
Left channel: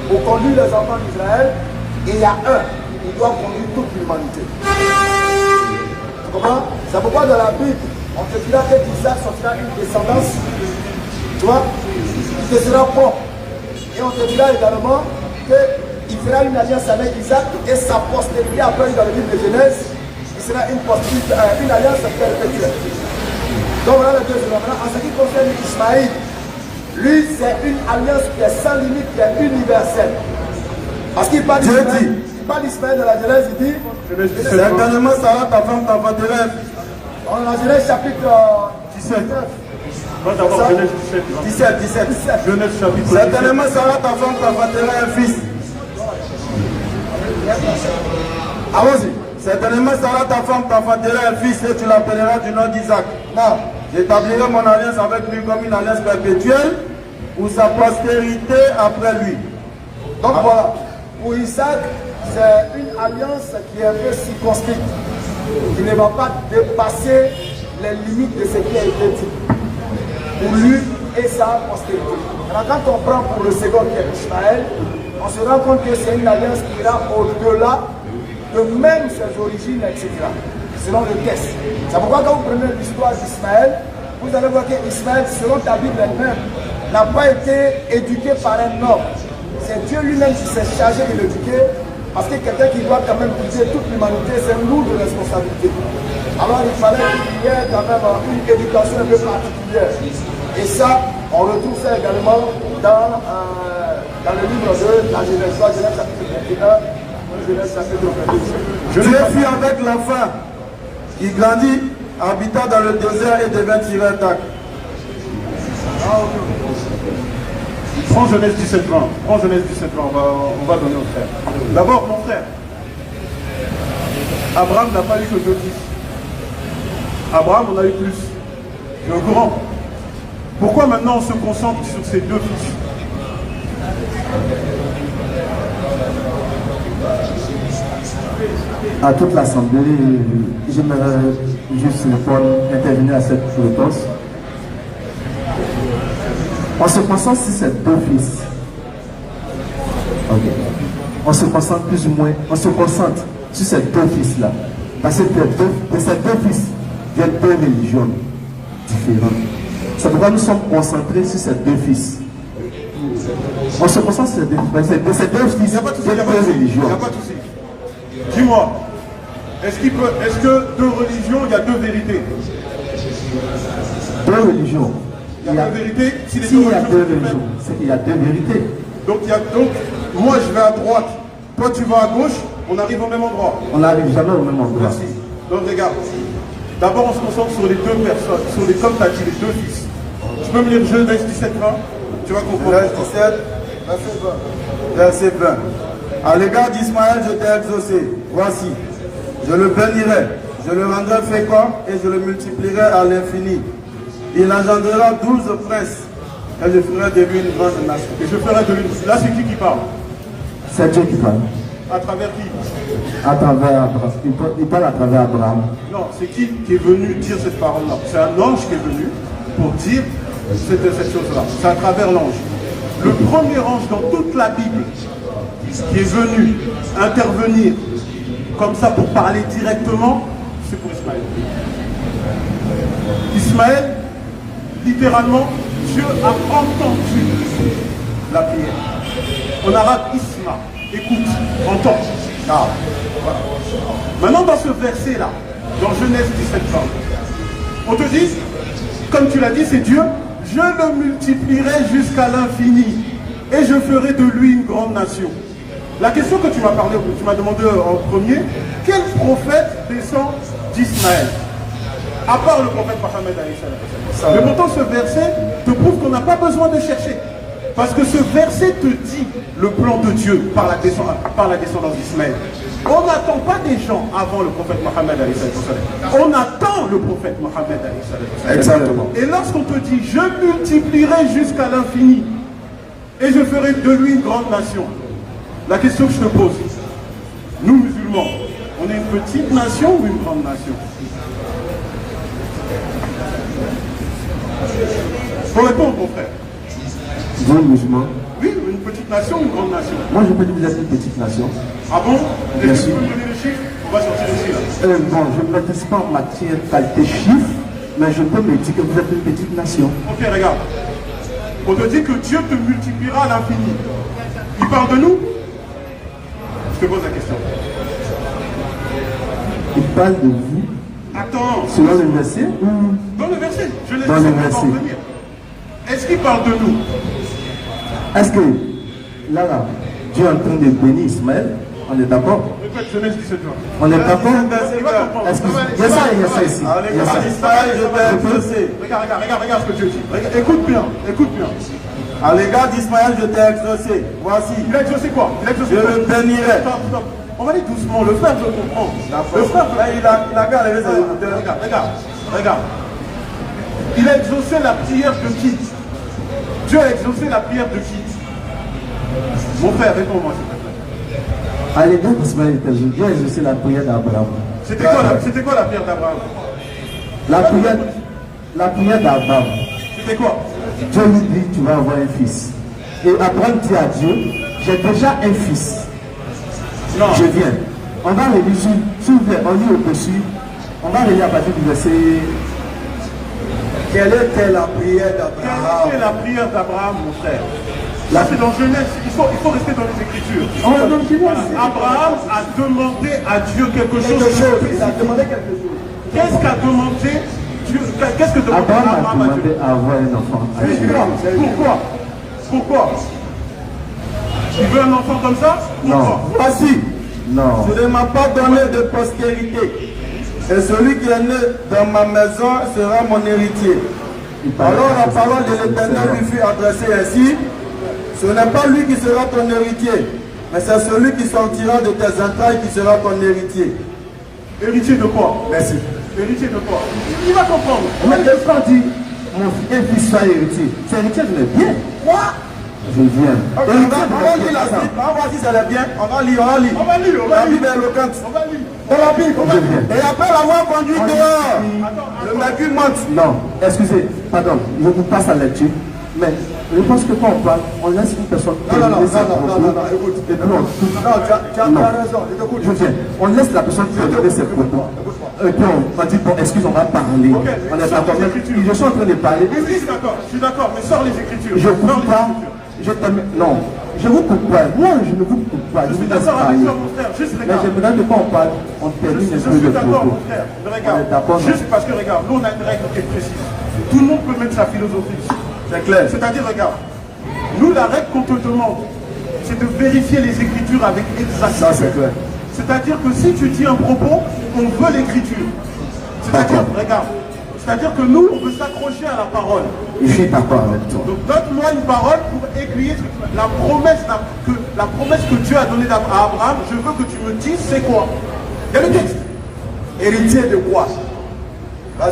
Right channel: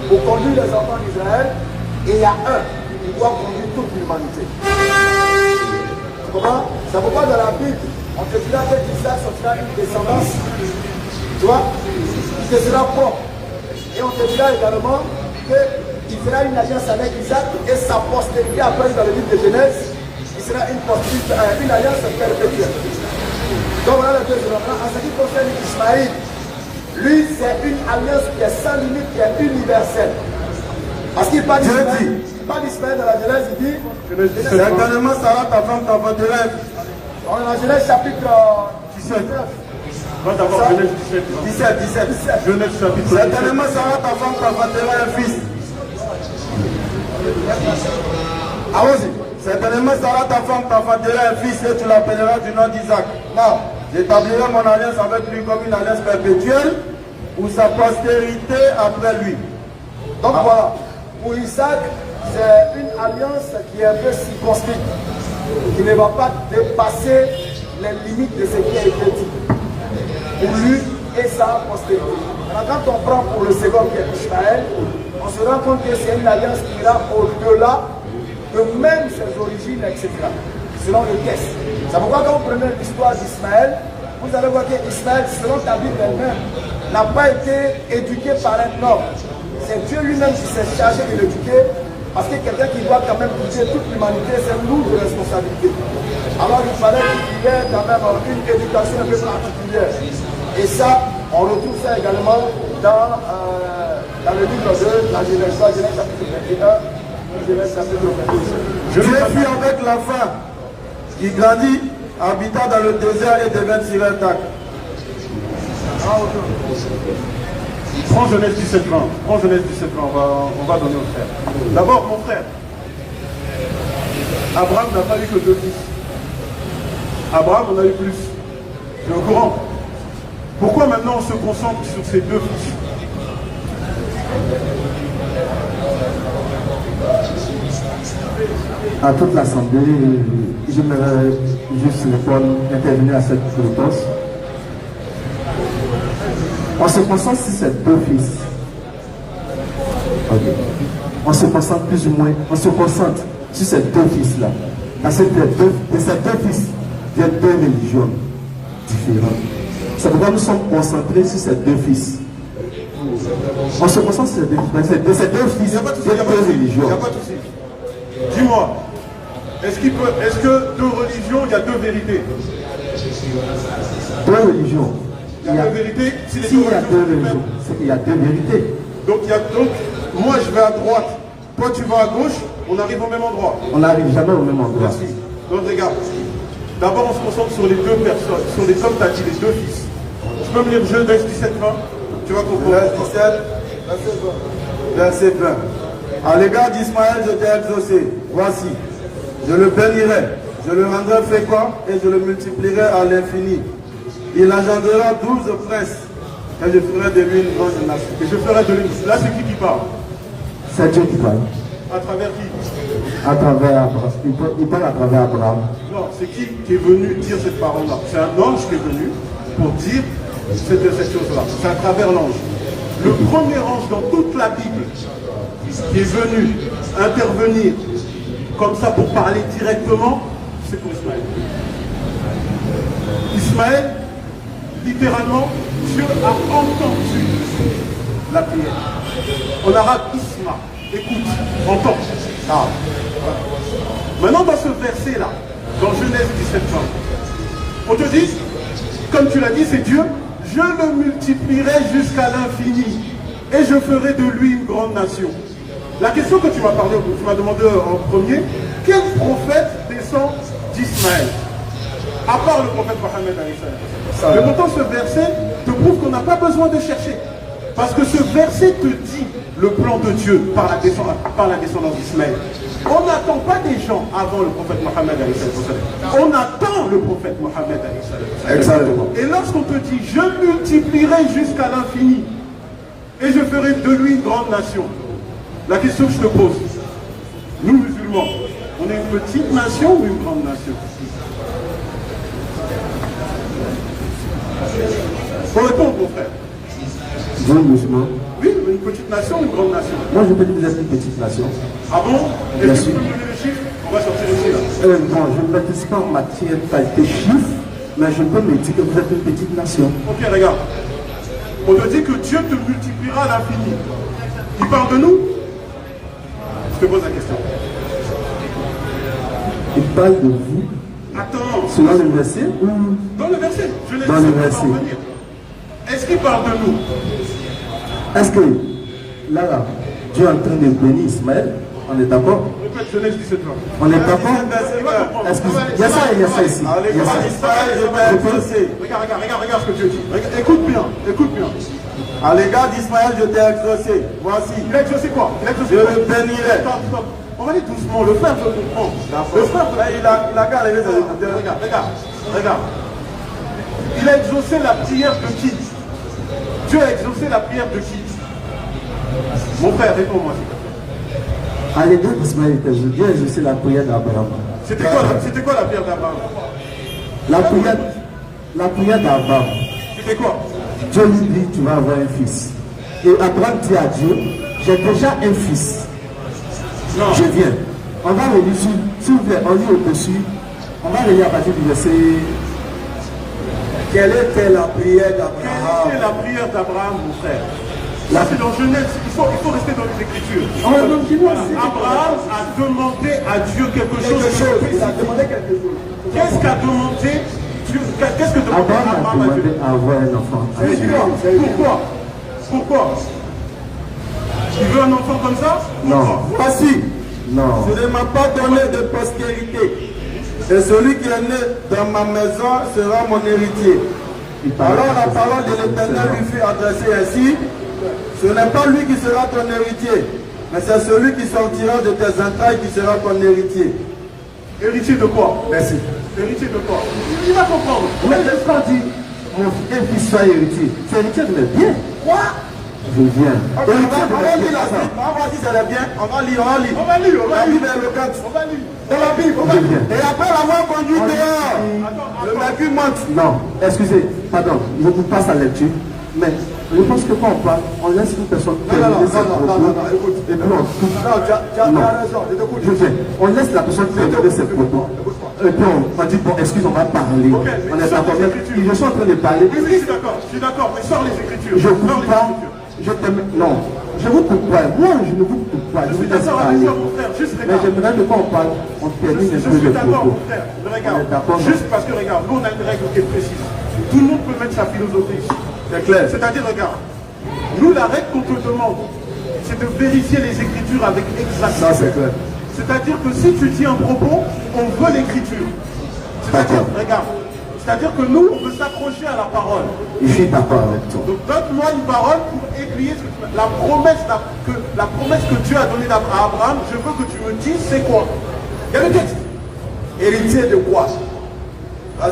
pour conduire les enfants d'Israël et il y a un qui doit conduire toute l'humanité. Tu comprends? C'est pourquoi dans la Bible, on te dira que Isaac sortira une descendance, tu vois, qui te sera bon. Et on te dira également qu'il fera une alliance avec Isaac et sa postérité, après dans le livre de Genèse, il sera une alliance perpétuelle. Donc voilà les 2 éléments. En ce qui concerne Ismaïl, lui c'est une alliance qui est sans limite, qui est universelle. Parce qu'il parle d'Ismaïl dans la Genèse, il dit Certainement, ça va ta femme de rêve. dans la Genèse chapitre 17. Moi d'abord, Genèse 17. Genèse chapitre 17. Certainement, Sarah, ta femme, t'enfanteras un fils. Allons-y. Certainement, Sarah, ta femme, t'enfantera un fils et tu l'appelleras du nom d'Isaac. Non, j'établirai mon alliance avec lui comme une alliance perpétuelle ou sa postérité après lui. Donc voilà, pour Isaac, c'est une alliance qui est un peu circonscrite, qui ne va pas dépasser les limites de ce qui a été dit. Pour lui et sa postérité. Alors quand on prend pour le second qui est Ishmaël, on se rend compte que c'est une alliance qui ira au-delà de même ses origines, etc. Selon le texte. C'est pourquoi quand vous prenez l'histoire d'Ismaël, vous allez voir qu'Ismaël, selon la Bible elle-même, n'a pas été éduqué par un homme. C'est Dieu lui-même qui s'est chargé de l'éduquer, parce que quelqu'un qui doit quand même guider toute l'humanité, c'est une lourde responsabilité. Alors il fallait qu'il y ait quand même une éducation un peu particulière. Et ça, on retrouve ça également dans le livre de la Genèse, chapitre 21, Genèse chapitre 22. Dieu fut avec l'enfant qui grandit, habita dans le désert et devint Sirentac. Prends Genèse 17 ans. On va donner au frère. D'abord, mon frère, Abraham n'a pas eu que 2 fils. Abraham en a eu plus. Tu es au courant? Pourquoi maintenant on se concentre sur ces 2 fils? À toute l'Assemblée, j'aimerais juste intervenir à cette réponse. On se concentre sur ces 2 fils. Okay. On se concentre plus ou moins, on se concentre sur ces 2 fils-là. Parce que de ces 2 fils, il y a 2 religions différentes. C'est pourquoi nous sommes concentrés sur ces 2 fils. On se concentre sur ces 2 fils. De ces 2 fils, il y a 2 religions. Dis-moi, est-ce que 2 religions, il y a 2 vérités? 2 religions. Il y a 2 vérités. S'il y a 2 religions, c'est qu'il y a 2 vérités. Donc, moi je vais à droite, toi tu vas à gauche, on arrive au même endroit. On n'arrive jamais au même endroit. Merci. Donc regarde, d'abord on se concentre sur les 2 personnes, sur les hommes, t'as dit les 2 fils. Tu peux me lire Genèse 17, 20? Tu vas comprendre. Genèse 17, verset 20. À l'égard d'Ismaël, je t'ai exaucé. Voici, je le bénirai, je le rendrai fécond et je le multiplierai à l'infini. Il engendrera 12 princes et je ferai de lui une grande nation. Et je ferai de lui. Là, c'est qui parle? C'est Dieu qui parle. À travers qui? À travers Abraham. Il parle à travers Abraham. Non, c'est qui est venu dire cette parole-là? C'est un ange qui est venu pour dire cette chose-là. C'est à travers l'ange. Le premier ange dans toute la Bible qui est venu intervenir comme ça pour parler directement, c'est pour Ismaël. Ismaël, littéralement, Dieu a entendu la prière. En arabe, Isma, écoute, entend. Maintenant, dans ce verset-là, dans Genèse 17, on te dit, comme tu l'as dit, c'est Dieu, je le multiplierai jusqu'à l'infini et je ferai de lui une grande nation. La question que tu m'as demandé en premier, quel prophète descend d'Ismaël? À part le prophète Mohammed alayhi salam. Mais pourtant ce verset te prouve qu'on n'a pas besoin de chercher. Parce que ce verset te dit le plan de Dieu par la descendance d'Ismaël. On n'attend pas des gens avant le prophète Mohammed alayhi salam. On attend le prophète Mohammed alayhi salam. Exactement. Et lorsqu'on te dit je multiplierai jusqu'à l'infini et je ferai de lui une grande nation, la question que je te pose, nous musulmans, on est une petite nation ou une grande nation? Faut répondre, mon frère. Vous, musulmans? Oui, une petite nation ou une grande nation? Moi, je peux dire que vous êtes une petite nation. Ah bon? Bien Et sûr. si vous donnez le chiffre, on va sortir le chiffre. Bon, je ne maîtrise pas en matière qualité chiffre, mais je peux me dire que vous êtes une petite nation. Ok, regarde. On te dit que Dieu te multipliera à l'infini. Il parle de nous? Je te pose la question. Il parle de vous. Attends. Selon le verset ou... Dans le verset. Je l'ai dit, Dans ça le va pas verset. revenir. Est-ce qu'il parle de nous? Est-ce que là, Dieu est en train de bénir Ismaël? On est d'accord? Genèse 17. On est d'accord? Excusez-moi, il y a ça ici. Regarde ce que tu dis. Écoute bien. À l'égard d'Ismaël, je t'ai exaucé. Voici. Il a exaucé quoi? Je le bénirai. Stop. On va aller doucement, le frère veut comprendre. Le frère, Il a qu'à lever ses écouteurs. regarde. Il a exaucé la prière de qui? Dieu a exaucé la prière de qui? Mon frère, réponds-moi. À l'égard d'Ismaël, Dieu a exaucé la prière d'Abraham. C'était quoi la prière d'Abraham? La prière d'Abraham. C'était quoi? Dieu lui dit, tu vas avoir un fils. Et Abraham dit à Dieu, j'ai déjà un fils. Non. Je viens. On va relire, s'il vous plaît, on lit au-dessus. On va relire à partir du verset. Quelle était la prière d'Abraham? Quelle était la prière d'Abraham, mon frère? Là, c'est dans Genèse, il faut rester dans les Écritures. Abraham a demandé à Dieu quelque chose. Il a demandé quelque chose. Qu'est-ce qu'a demandé Dieu? Qu'est-ce que demandait Abraham a Abraham à demandé Dieu? à avoir un enfant. Pourquoi? Il veut un enfant comme ça? Non. Voici. Non. Tu ne m'as pas donné de postérité. Et celui qui est né dans ma maison sera mon héritier. Alors la parole de l'Éternel lui fut adressée ainsi. Ce n'est pas lui qui sera ton héritier, mais c'est celui qui sortira de tes entrailles qui sera ton héritier. Héritier de quoi? Merci. Héritier de quoi? Il va comprendre. On a pas dit, mon fils soit héritier. C'est héritier de mes biens. Quoi? Je viens. On va lire la suite. On va voir si c'est bien. On va lire. La Bible est éloquente. Dans la Bible. Et après l'avoir conduit dehors, le mercure monte. Non, excusez, pardon, je vous passe la lecture. Mais je pense que quand on parle, on laisse une personne terminer ses propos. Écoute. Et puis on coupe. Non, tu as raison. Écoute, Je viens. On laisse la personne terminer ses propos. Et puis on dit, bon, excuse, on va parler. On est d'accord. Je suis en train de parler. Je suis d'accord, mais sors les Écritures. Je ne coupe pas. Non, je ne vous coupe pas. Moi, je ne vous coupe pas. Je vous laisse parler. Mais j'aimerais que quand on parle, on termine un peu Je suis le d'accord, propos. mon frère. Regarde, juste parce que, regarde, nous, on a une règle qui est précise. Tout le monde peut mettre sa philosophie. C'est clair. C'est-à-dire, regarde, nous, la règle qu'on te demande, c'est de vérifier les Écritures avec exactitude. Ça, c'est clair. C'est-à-dire que si tu dis un propos, on veut l'Écriture. C'est-à-dire, regarde, c'est-à-dire que nous, on veut s'accrocher à la parole. Je suis d'accord avec toi. Donc donne-moi une parole pour aiguiller la promesse que Dieu a donnée à Abraham. Je veux que tu me dises c'est quoi. Il y a le texte. héritier de quoi? Vas-y.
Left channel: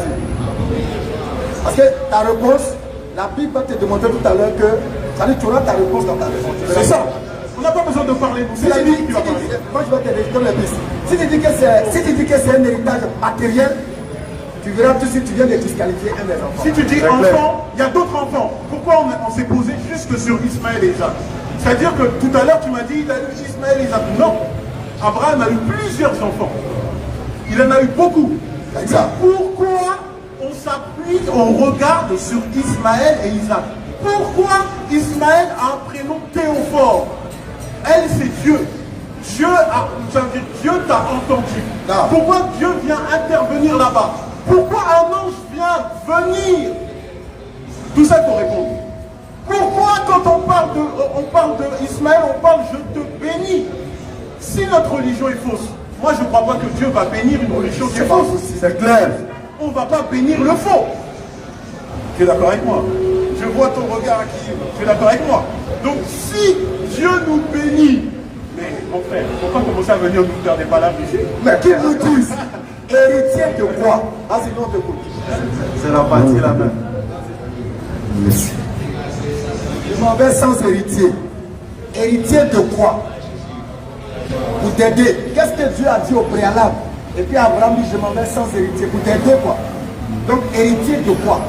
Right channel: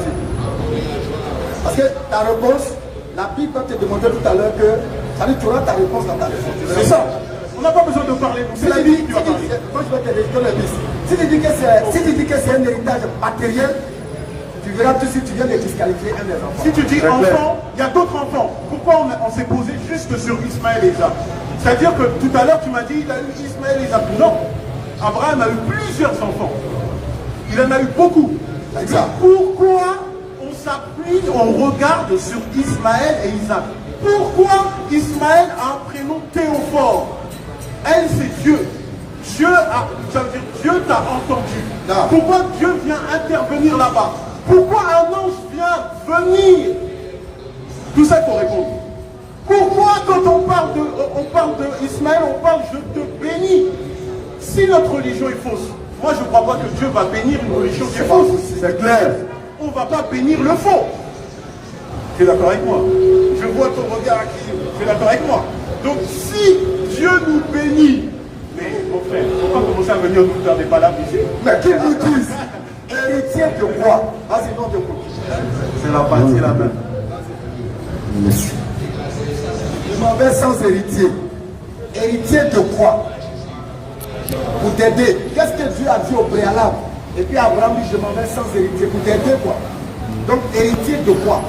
Parce que ta réponse, la Bible va te demander tout à l'heure que tu auras ta réponse dans ta réponse. C'est ça. On n'a pas besoin de parler. Si tu dis que c'est un héritage matériel, tu verras tout de suite, tu viens de disqualifier un des enfants. Si tu dis enfant, il y a d'autres enfants. Pourquoi on s'est posé juste sur Ismaël et Isaac? C'est-à-dire que tout à l'heure, tu m'as dit il a eu Ismaël et Isaac. Non. Abraham a eu plusieurs enfants. Il en a eu beaucoup. Pourquoi on s'appuie, on regarde sur Ismaël et Isaac? Pourquoi Ismaël a un prénom Théophore? Elle, c'est Dieu. Dieu t'a entendu. Pourquoi Dieu vient intervenir là-bas? Pourquoi un ange vient venir? Tout ça pour répondre. Pourquoi quand on parle de Ismaël, on parle je te bénis? Si notre religion est fausse, moi je ne crois pas que Dieu va bénir une religion qui est fausse. C'est clair. On ne va pas bénir le faux. Tu es d'accord avec moi? Je vois ton regard qui. Tu es d'accord avec moi? Donc si Dieu nous bénit, mais mon frère, il ne faut pas commencer à venir nous faire des palabres ici. Mais qu'ils nous disent, héritier de quoi? Vas-y, non, de quoi? C'est la partie la même. Merci. Je m'en vais sans héritier. Héritier de quoi? Pour t'aider. Qu'est-ce que Dieu a dit au préalable? Et puis Abraham dit, je m'en vais sans héritier. Pour t'aider quoi? Donc, héritier de quoi?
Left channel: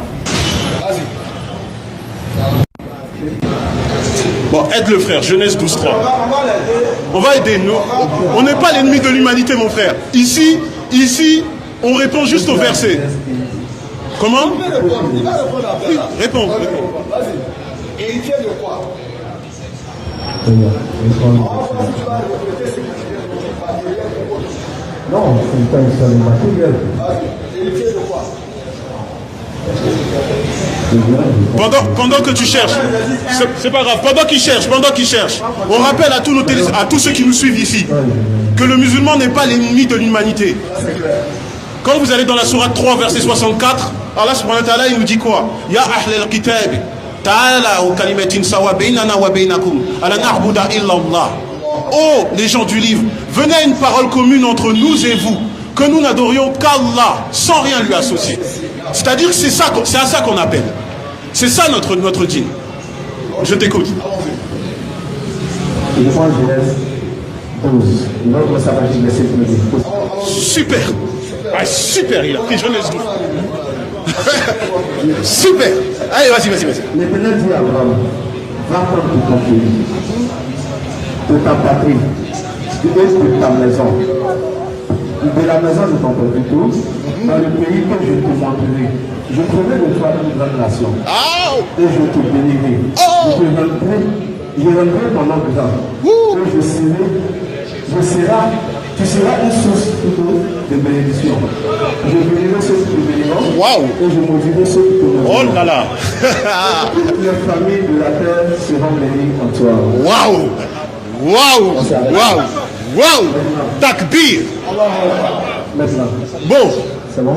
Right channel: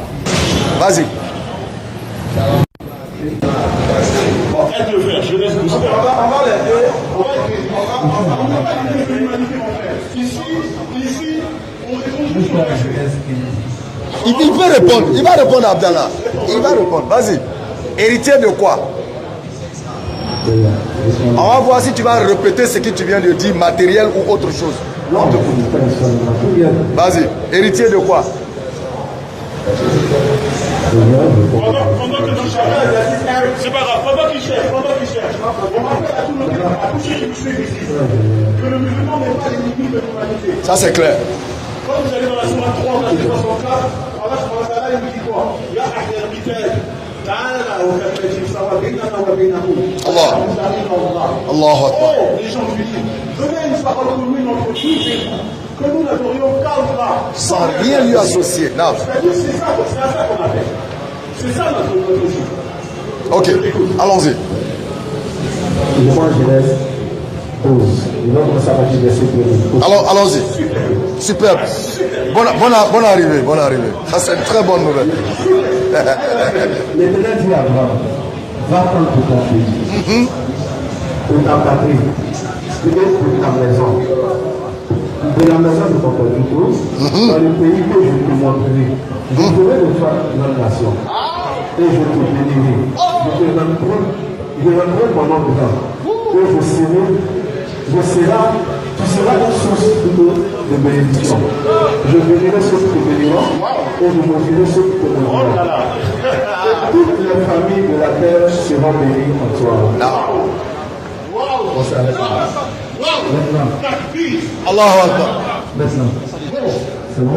Vas-y. Bon, aide le frère, Genèse 12:3. On va aider. On n'est pas l'ennemi de l'humanité, mon frère. Ici, on répond juste au verset. Comment? Il peut répondre. Il va répondre à Abdallah. Réponds. Il va répondre. Vas-y. Héritier de quoi? On va voir si tu vas répéter ce que tu viens de dire, matériel ou autre chose. Non, Vas-y. Héritier de quoi? Pendant que tu cherches, c'est pas grave, pendant qu'il cherche, on rappelle à tous ceux qui nous suivent ici que le musulman n'est pas l'ennemi de l'humanité. Ça c'est clair. Quand vous allez dans la sourate 3, verset 64, Allah subhanahu wa ta'ala, il nous dit quoi? Ya ahl al-kitab, ta'ala ou kalimatin sawa baynana wa baynakum, ala na'budu illa Allah. Oh, les gens du livre, venez à une parole commune entre nous et vous, que nous n'adorions qu'Allah, sans rien lui associer. C'est-à-dire que c'est à ça qu'on appelle. C'est ça notre dîne. Ok, je t'écoute. Allons-y. Alors, allons-y. Super. Ah, super. Bonne arrivée. Ça c'est une très bonne nouvelle. Super. Allez, vas-y. Maintenant, dit Abraham, va prendre du conflit. De ta patrie. De ta maison. De la maison de ton peuple, dans le pays que je te montrerai. Je ferai de toi une grande nation. Et je te bénirai. Je rendrai ton nom grand. Et tu seras une source de bénédiction. Je bénirai ceux qui te béniront. Et je bénirai ceux qui te béniront. Oh là là. Toutes les familles de la terre seront bénies en toi. Waouh. Takbir. Bon. C'est bon?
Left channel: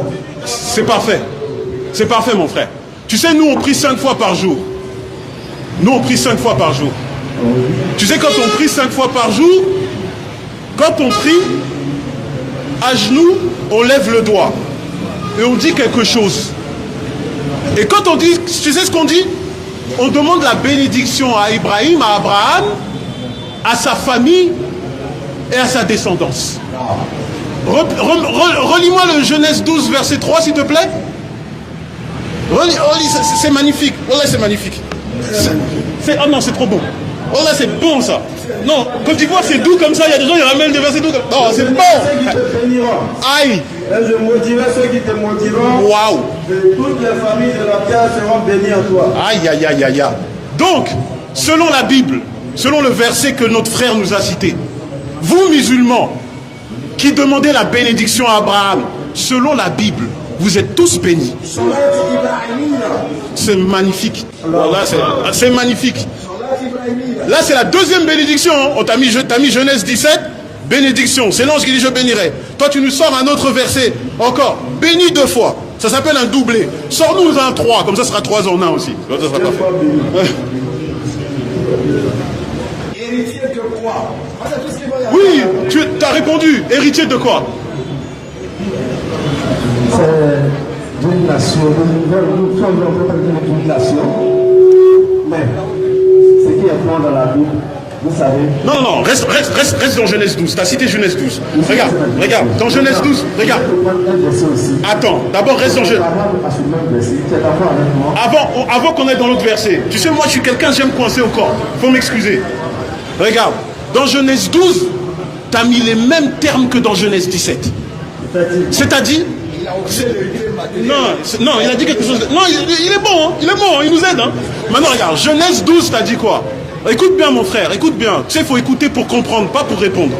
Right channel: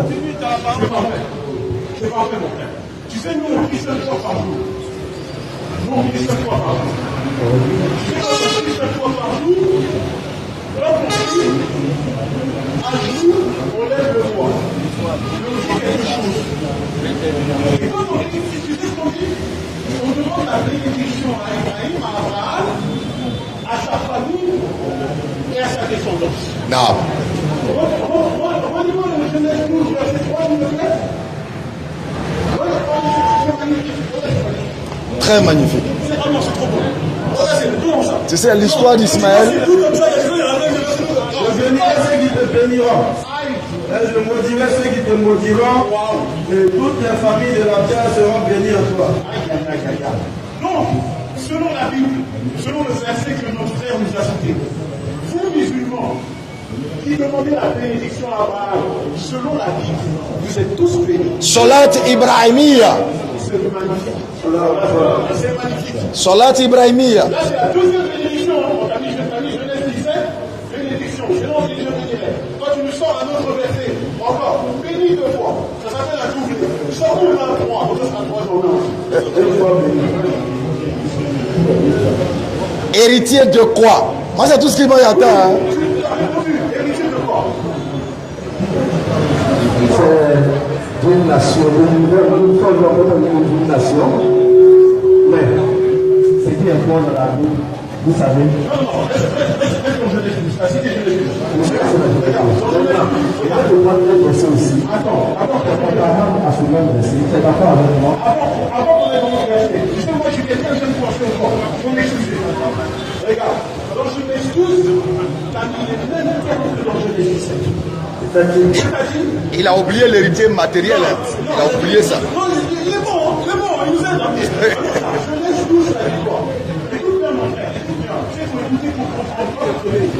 C'est parfait, mon frère. Tu sais, nous on prie 5 fois par jour. Tu sais, quand on prie 5 fois par jour, quand on prie, à genoux, on lève le doigt. Et on dit quelque chose. Et quand on dit, tu sais ce qu'on dit? On demande la bénédiction à Ibrahim, à Abraham, à sa famille et à sa descendance. Non. Relis-moi le Genèse 12, verset 3, s'il te plaît. Relis, c'est magnifique. Voilà, c'est magnifique. Très magnifique. Oh non, c'est trop bon. Oh là, c'est bon ça. Tu sais, l'histoire d'Ismaël. Dis-moi, c'est doux comme ça. Il y a des gens qui ramènent des versets doux. Non, c'est bon. Ceux qui te béniront. Aïe. Là, je maudirai ceux qui te maudiront. Waouh. Et toutes les familles de la terre seront bénies en toi. Aïe. Donc, selon la Bible, selon le verset que notre frère nous a cité, vous musulmans qui demandez la bénédiction à Abraham, selon la Bible, vous êtes tous bénis. Salat Ibrahimiya. C'est magnifique. Voilà, c'est magnifique. Salat Ibrahimiya. Là, c'est la deuxième bénédiction. On t'a mis Genèse 17, bénédiction. C'est l'ange qui dit je bénirai. Toi, tu nous sors un autre verset. Encore, béni 2 fois. Ça s'appelle un doublé. Sors-nous un 3, comme ça sera 3 en 1 aussi. Héritier de quoi? Moi, c'est tout ce qui m'a dit. Oui, tu as répondu. Héritier de quoi? D'une nation, nous sommes d'une nation, mais ce qui est bon dans la vie, vous savez. Non, reste dans Genèse 12. Tu as cité Genèse 12. Regarde, dans Genèse 12, regarde. Attends, d'abord reste dans Genèse. Avant qu'on aille dans l'autre verset, tu sais, moi je suis quelqu'un, j'aime coincer au corps. Faut m'excuser. Regarde, dans Genèse 12, tu as mis les mêmes termes que dans Genèse 17. C'est-à-dire, il a oublié l'héritier matériel. Non, il a dit quelque chose. Non, il est bon, il nous aide. Maintenant, regarde, Genèse 12, t'as dit quoi? Écoute bien, mon frère, écoute bien. Tu sais, il faut écouter pour comprendre, pas pour répondre.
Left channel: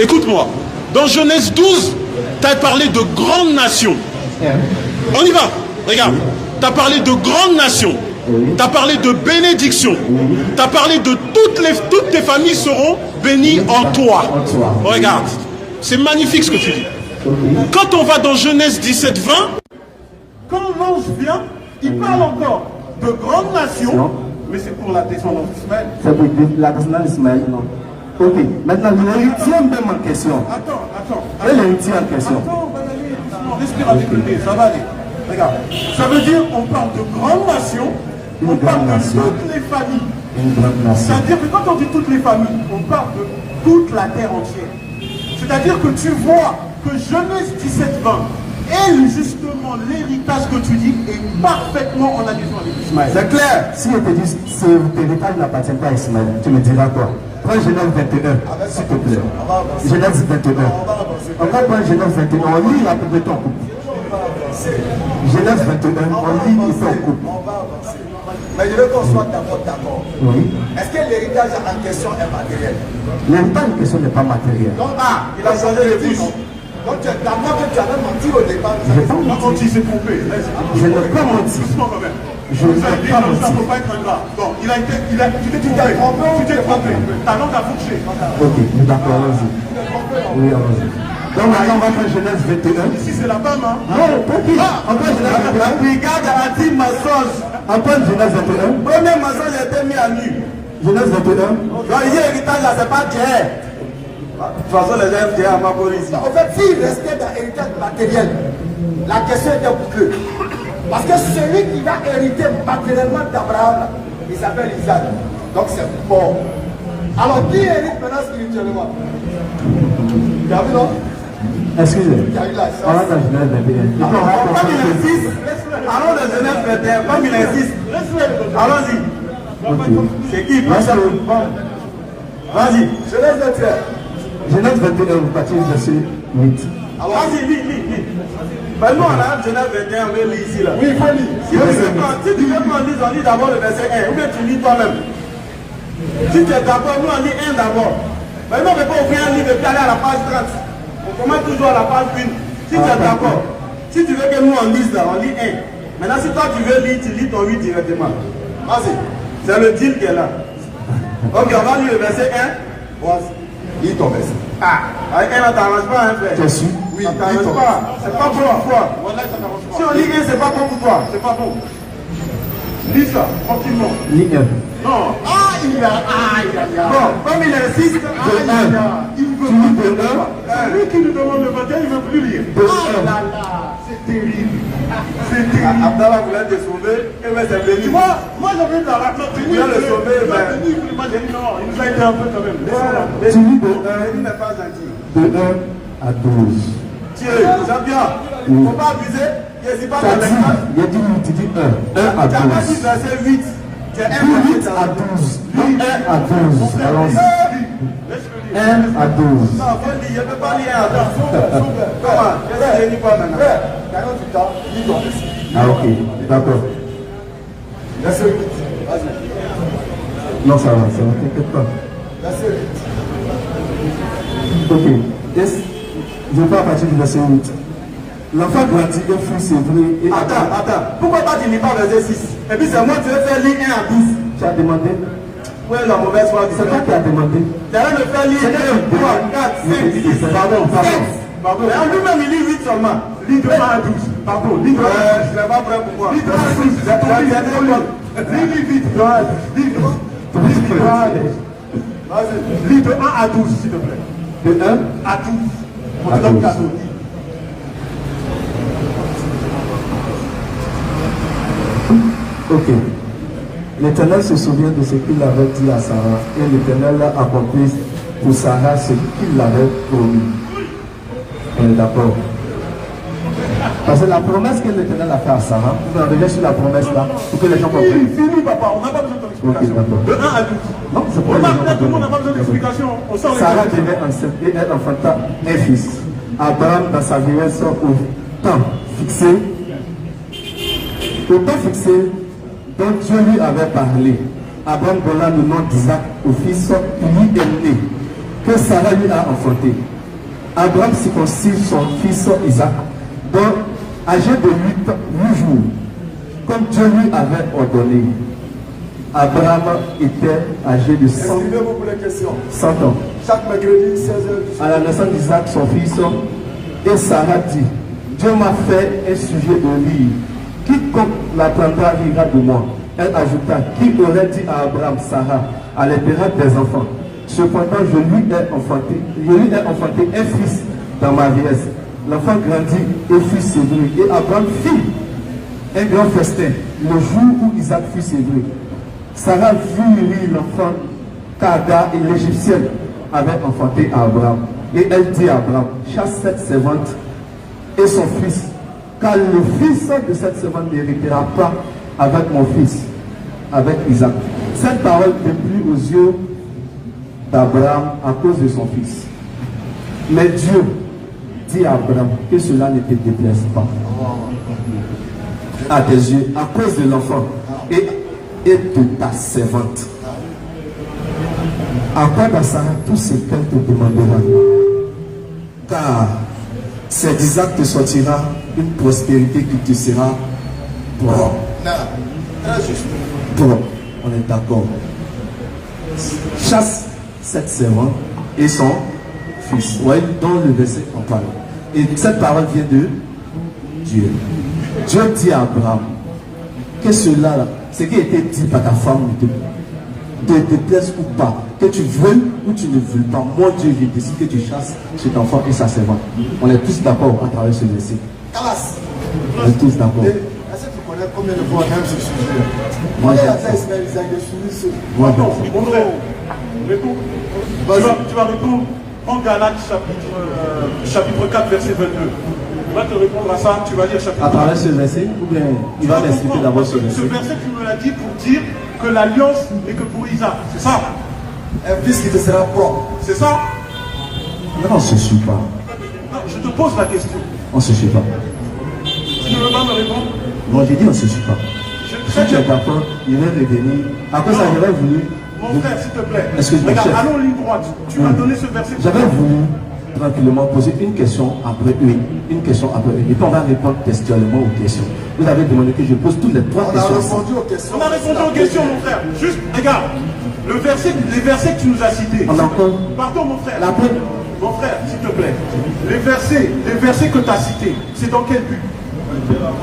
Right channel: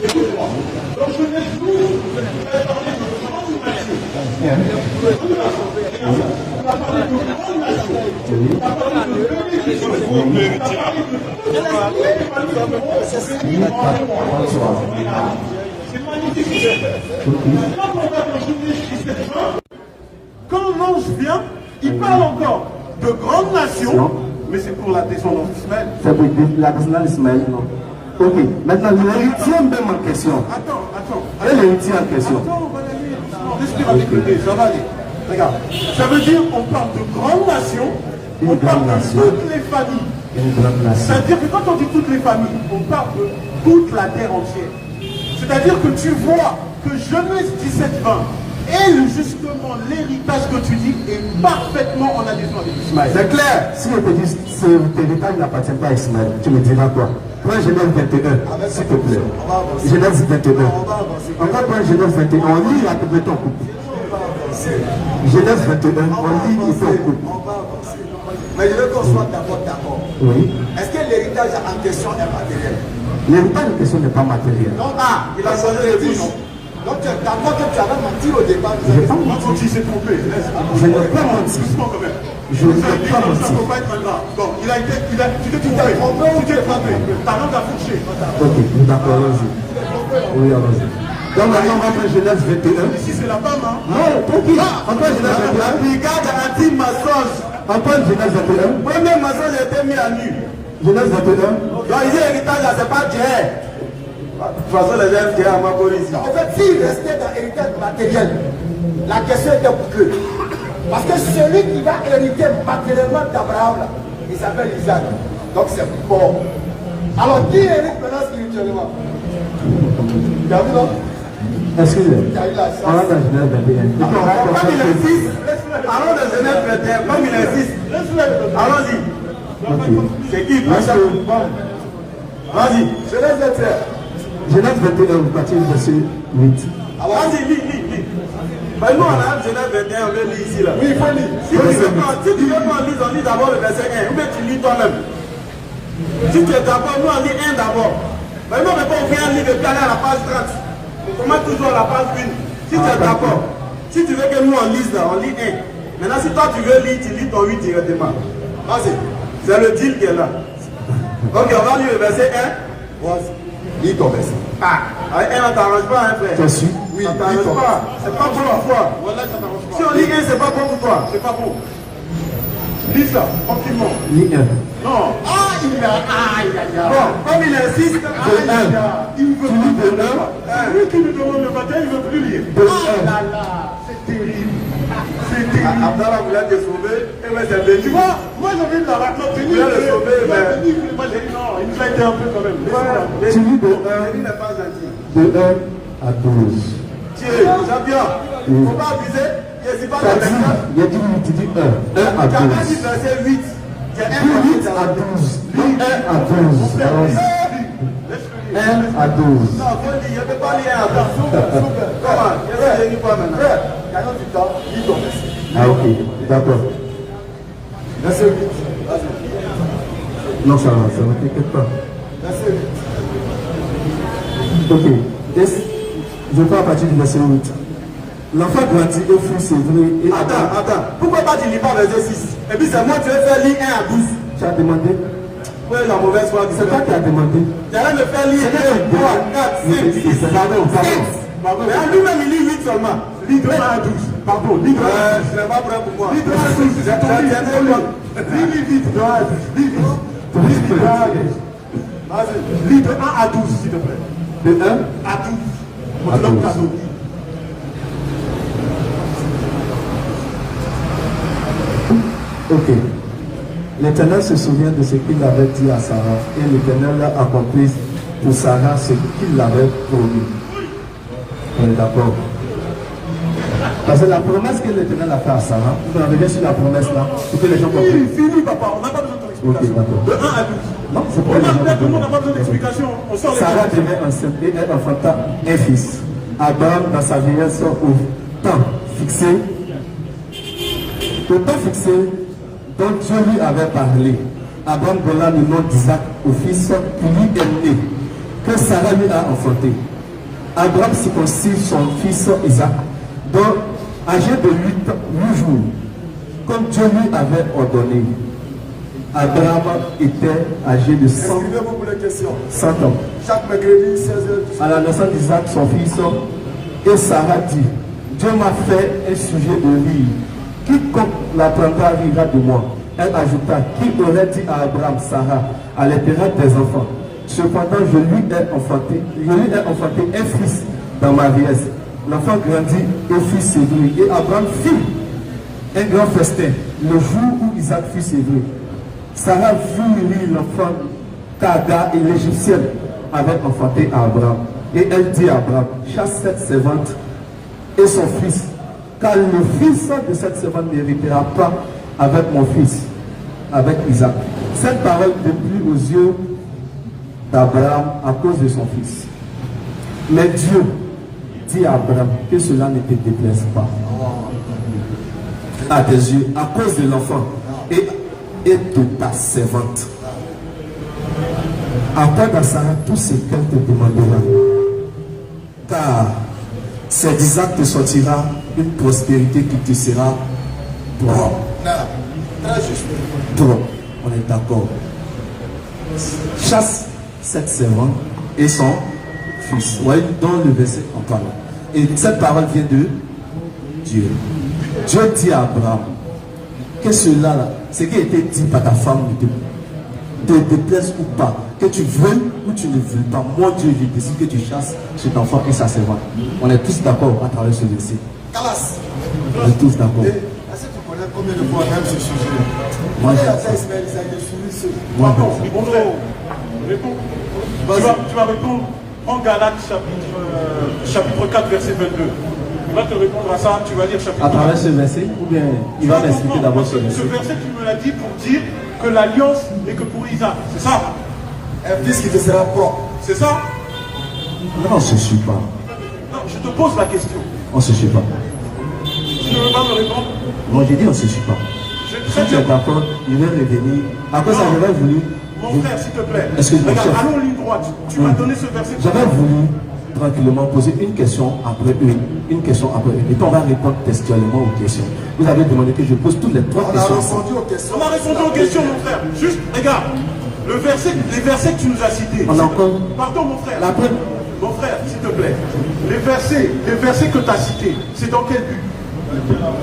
Écoute-moi. Dans Genèse 12, t'as parlé de grandes nations. On y va. Regarde. T'as parlé de grandes nations. T'as parlé de bénédiction. T'as parlé de toutes tes familles seront bénies en toi. Regarde. C'est magnifique ce que tu dis. Quand on va dans Genèse 17, 20, quand l'ange vient, il parle encore de grandes nations, mais c'est pour la descendance d'Ismaël. C'est pour la descendance d'Ismaël. Ok, maintenant l'héritier de ma question. Attends. Quel héritier en question? Respire avec le ça va aller. Regarde, ça veut dire qu'on parle de grandes nations, on parle de toutes les familles. C'est-à-dire que quand on dit toutes les familles, on parle de toute la terre entière. C'est-à-dire que tu vois que Genèse 17, 20 est justement l'héritage que tu dis est parfaitement en adhésion avec Ismaël. C'est clair. Si on te dit que cet héritage n'appartient pas à Ismaël, tu me diras quoi? Prends Genèse 21, s'il te plaît. Genèse 21. On va prendre Genèse 21, on lit la pauvreté en couple. Genèse 21, on lit il fait en couple. Mais je veux qu'on soit d'accord. Oui. Est-ce que l'héritage en question est matériel? L'héritage en question n'est pas matériel. Non, il a changé le titre. Donc tu as menti au départ. Je n'ai pas menti, c'est trompé. Je n'ai pas menti. Je n'ai pas menti. Ça ne peut pas être un gars. Bon, tu t'es trompé. Tu t'es trompé. Ta langue a fourché. Ok, d'accord, allons-y. Oui, allons-y. Donc maintenant, on va prendre Genèse 21. Ici, c'est la femme, hein? Non, tranquille. On prend Genèse 21. Regarde la petite mensonge. On prend Genèse 21. Premier mensonge a été mis à nu. Genèse 21. Donc, il y a héritage là, c'est pas Dieu. De toute façon, les gens disent à ma police. En fait, s'il restait dans l'héritage matériel, la question était bouclée. Parce que celui qui va hériter matériellement d'Abraham, il s'appelle Isaac. Donc c'est bon. Alors, qui hérite maintenant spirituellement? Tu as vu, non? Excusez-moi. Tu as eu la On va dans Genèse 21. Et puis on va Comme comprendre il que- existe, allons dans Genèse 21, comme il existe, allons-y. Ok. C'est qui Pascal? Vas-y. Genèse 21. Genèse 21, partir du verset 8. Vas-y, lis. Ben nous, on a Genèse 21, on veut lire ici là. Oui, il faut lire. Si tu veux qu'on lise, on lit d'abord le verset 1. Ou bien tu lis toi-même. Si tu es d'accord, nous on lit 1 d'abord. Mais nous on ne peut pas ouvrir un livre et puis aller à la page 30. On commence toujours à la page 1. Si tu es d'accord, si tu veux que nous on lise là, on lit 1. Maintenant si toi tu veux lire, tu lis ton 8 directement. Vas-y. C'est le deal qui est là. Ok, on va lire le verset 1. Vas-y. Lis ton verset. Avec 1, on t'arrange pas, hein, frère. T'es sûr? Oui, ça t'arrange pas. C'est pas bon pour toi. Si on lit 1, c'est pas bon pour toi. C'est pas bon. Lis ça, tranquillement. Lis 1. Non. Bon, comme il insiste, Il veut Tu lis plus de 1. Lui qui nous demande le matin, il ne veut plus lire. De 1. C'est terrible. C'est terrible. Abdallah voulait te sauver, et bien c'est venu. Tu vois, moi j'avais dans la plate Il vient le sauver, mais- Moi j'ai dit non, il nous a été un peu quand même. Laisse-moi. Tu lis de Il n'est pas gentil. 1 à 12. Tiens, Jean-Pierre, il ne faut pas abuser. Je ne suis pas Ça dans dit, l'espace. il y a dit 8, tu dis 1. 1 à Tu as pas dit 12. verset 8. Tu es 1 Dis 8 à 12. Dis 1 à 12. Allons-y. 1 à 12. Non, je ne peux pas lire un garçon. Comment? Je ne lis pas maintenant. Gagnons du temps, lis ton verset. Ah, ok. D'accord. Verset 8. Vas-y. Non, ça va, t'inquiète pas. Verset 8. Ok. Je vais à partir du verset 8. L'enfant grandit et fut sévré et Attends. Pourquoi pas tu lis pas verset 6? Et puis c'est moi qui vais faire lire 1 à 12. Tu as demandé? Où est la mauvaise foi? C'est toi qui as demandé. J'allais me faire lire 2, 3, 4, 5, 6. Pardon. Et en lui-même, il lit 8 seulement. Lis de 1 à 12. Pardon, lis de 1 à 12. Je ne suis pas prêt pour moi. Lis de 1 à 12. C'est ton livre. Lis vite, de 1 à 12. Lis de 1 à 12. Vas-y. Lis de 1 à 12, s'il te plaît. De 1 À 12. On À te donne 12. cadeau. Ok. L'Éternel se souvient de ce qu'il avait dit à Sarah et l'Éternel a accompli pour Sarah ce qu'il l'avait promis. On est d'accord. Parce que la promesse que l'Éternel a fait à Sarah, vous en revenez sur la promesse là, pour que les gens comprennent. Fini, papa, on n'a pas besoin de ton Ok, explication. d'accord. De 1 à 12. Non, c'est pour On les a, gens tout le monde n'a pas besoin comprennent. d'explication. On sort les Sarah choses. devait enceinte et elle enfanta un fils. Abraham, dans sa vieillesse, au temps fixé, dont Dieu lui avait parlé, Abraham donna le nom d'Isaac au fils qui lui est né, que Sarah lui a enfanté. Abraham circoncit son fils Isaac, dont âgé de 8 jours, comme Dieu lui avait ordonné. Abraham était âgé de 100 Suivez-moi pour les questions. ans. Chaque mercredi, 16h. À la naissance d'Isaac, son fils, et Sarah dit, Dieu m'a fait un sujet de rire. Quiconque l'apprendra rira de moi. Elle ajouta, qui aurait dit à Abraham, Sarah, à l'intérêt des enfants. Cependant, je lui ai enfanté un fils dans ma vieillesse. L'enfant grandit et fut séduit. Et Abraham fit un grand festin le jour où Isaac fut séduit. Sarah vit rire l'enfant qu'Agar et l'Égyptienne avaient enfanté à Abraham. Et elle dit à Abraham, chasse cette servante et son fils, car le fils de cette servante n'héritera pas avec mon fils, avec Isaac. Cette parole déplut aux yeux d'Abraham à cause de son fils. Mais Dieu dit à Abraham que cela ne te déplaise pas à tes yeux à cause de l'enfant et de ta servante. Accorde à Sarah tout ce qu'elle te demandera. Car c'est d'Isaac te sortira une prospérité qui te sera propre. Très juste. Propre, on est d'accord. Chasse cette servante et son fils. Vous voyez, dans le verset, on parle. Et cette parole vient de Dieu. Dieu dit à Abraham que cela, là, ce qui a été dit par ta femme, te plaise ou pas, que tu veux ou tu ne veux pas, moi Dieu, je décide que tu chasses cet enfant et sa servante. On est tous d'accord à travers ce verset. On est tous d'accord. Est-ce que tu connais combien de fois même ce sujet-là? Moi, j'ai moi, tu vas répondre en Galates chapitre 4 verset 22. On va te répondre à ça, tu vas dire chapitre 4. À travers ce verset, ou bien il va m'expliquer d'abord ce verset. Ce verset, tu nous l'as dit pour dire que l'alliance n'est que pour Isaac, c'est ça? Un fils qui te sera propre. C'est ça? Non, on ne se suit pas. Non, je te pose la question. On ne se suit pas. Tu ne veux pas me répondre? Non, j'ai dit on ne se suit pas. Si tu es d'accord, il va revenir. Après ça, j'avais voulu. Mon frère, s'il te plaît. Est-ce que je peux Regarde, faire? allons en ligne droite. Tu m'as donné ce verset. J'avais voulu tranquillement poser une question après une question après une. Et puis on va répondre textuellement aux questions. Vous avez demandé que je pose toutes les trois questions. On a répondu aux questions, mon frère. Juste, regarde, les versets que tu nous as cités. On a encore. Pardon, mon frère. La preuve. Mon frère, s'il te plaît. Les versets que tu as cités, c'est dans quel but?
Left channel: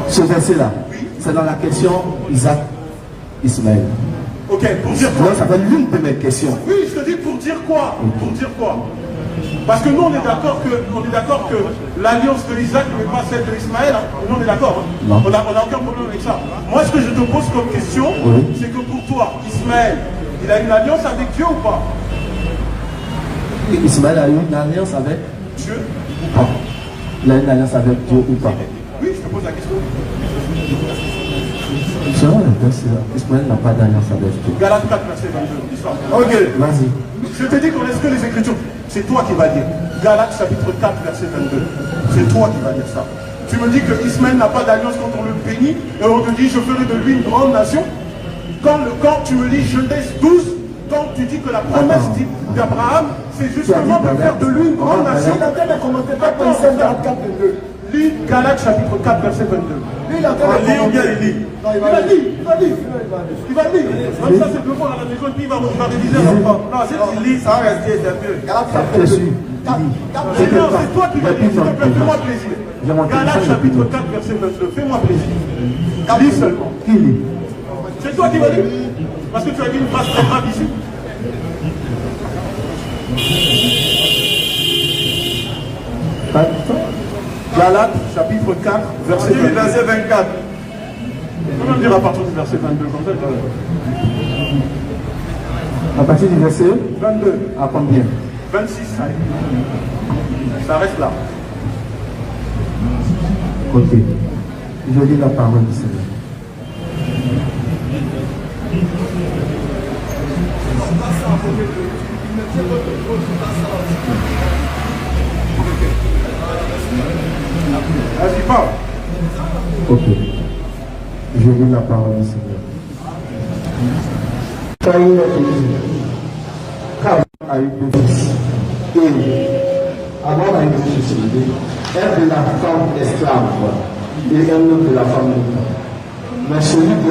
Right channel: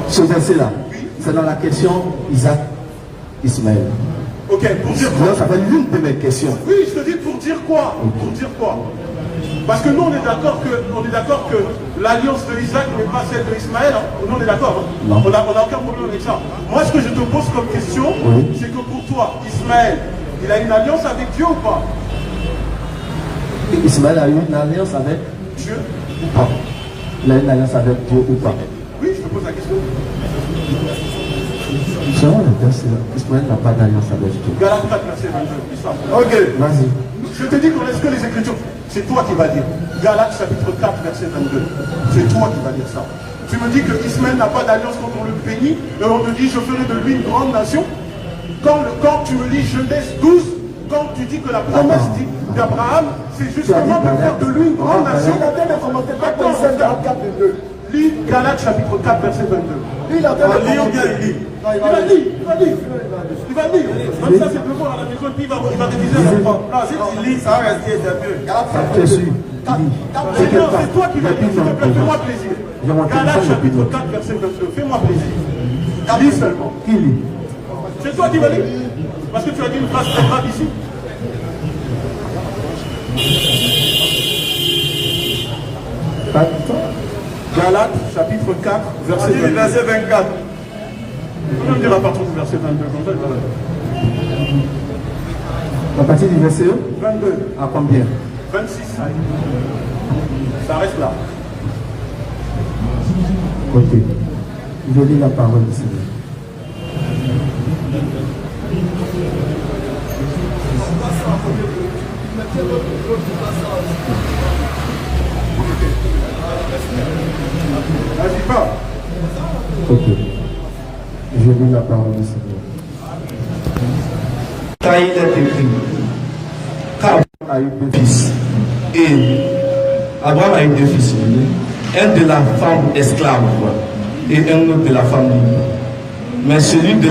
Ce verset-là, c'est dans la question Isaac, Ismaël. Ok, pour dire quoi? Ça fait l'une de mes questions. Oui, je te dis pour dire quoi? Pour dire quoi? Parce que nous, on est d'accord que l'alliance de Isaac n'est pas celle d'Ismaël. Nous, on est d'accord. Non. On a aucun problème avec ça. Moi, ce que je te pose comme question, c'est que pour toi, Ismaël, il a une alliance avec Dieu ou pas? Ismaël a eu une alliance avec Dieu ou pas? Il a une alliance avec Dieu ou pas? Oui, je te pose la question. Selon le texte, Ismaël n'a pas d'alliance avec Dieu. Galates 4, verset 22. Histoire. Ok. Vas-y. Je te dis qu'on est-ce que les Écritures, c'est toi qui vas dire. Galates chapitre 4, verset 22. C'est toi qui vas dire ça. Tu me dis que Ismaël n'a pas d'alliance quand on le bénit, et on te dit je ferai de lui une grande nation. Quand tu me lis Genèse 12, quand tu dis que la promesse d'Abraham, c'est justement de faire de lui une grande nation. Lis Galates chapitre 4, verset 22. Il va le dire. Comme ça, c'est le voir à la maison, qui va réviser à l'enfant. Non, c'est il lit, ça va rester mieux. C'est toi qui vas dire, s'il te plaît, fais-moi plaisir. Galates chapitre 4, verset 22, fais-moi plaisir. Lis seulement. C'est toi qui vas lire. Parce que tu as dit une phrase très grave ici. Galates chapitre 4, verset 24. On va dire à partir du verset 22. À partir du verset 22. à combien? 26. Ça reste là. Ok. Je lis la parole du Seigneur. Vas-y, parle. Ok. Je lis la parole du Seigneur. Quand il est vécu, Abraham a eu deux fils. Et Abraham a eu deux fils. Un de la femme esclave et un autre de la femme libre. Mais celui de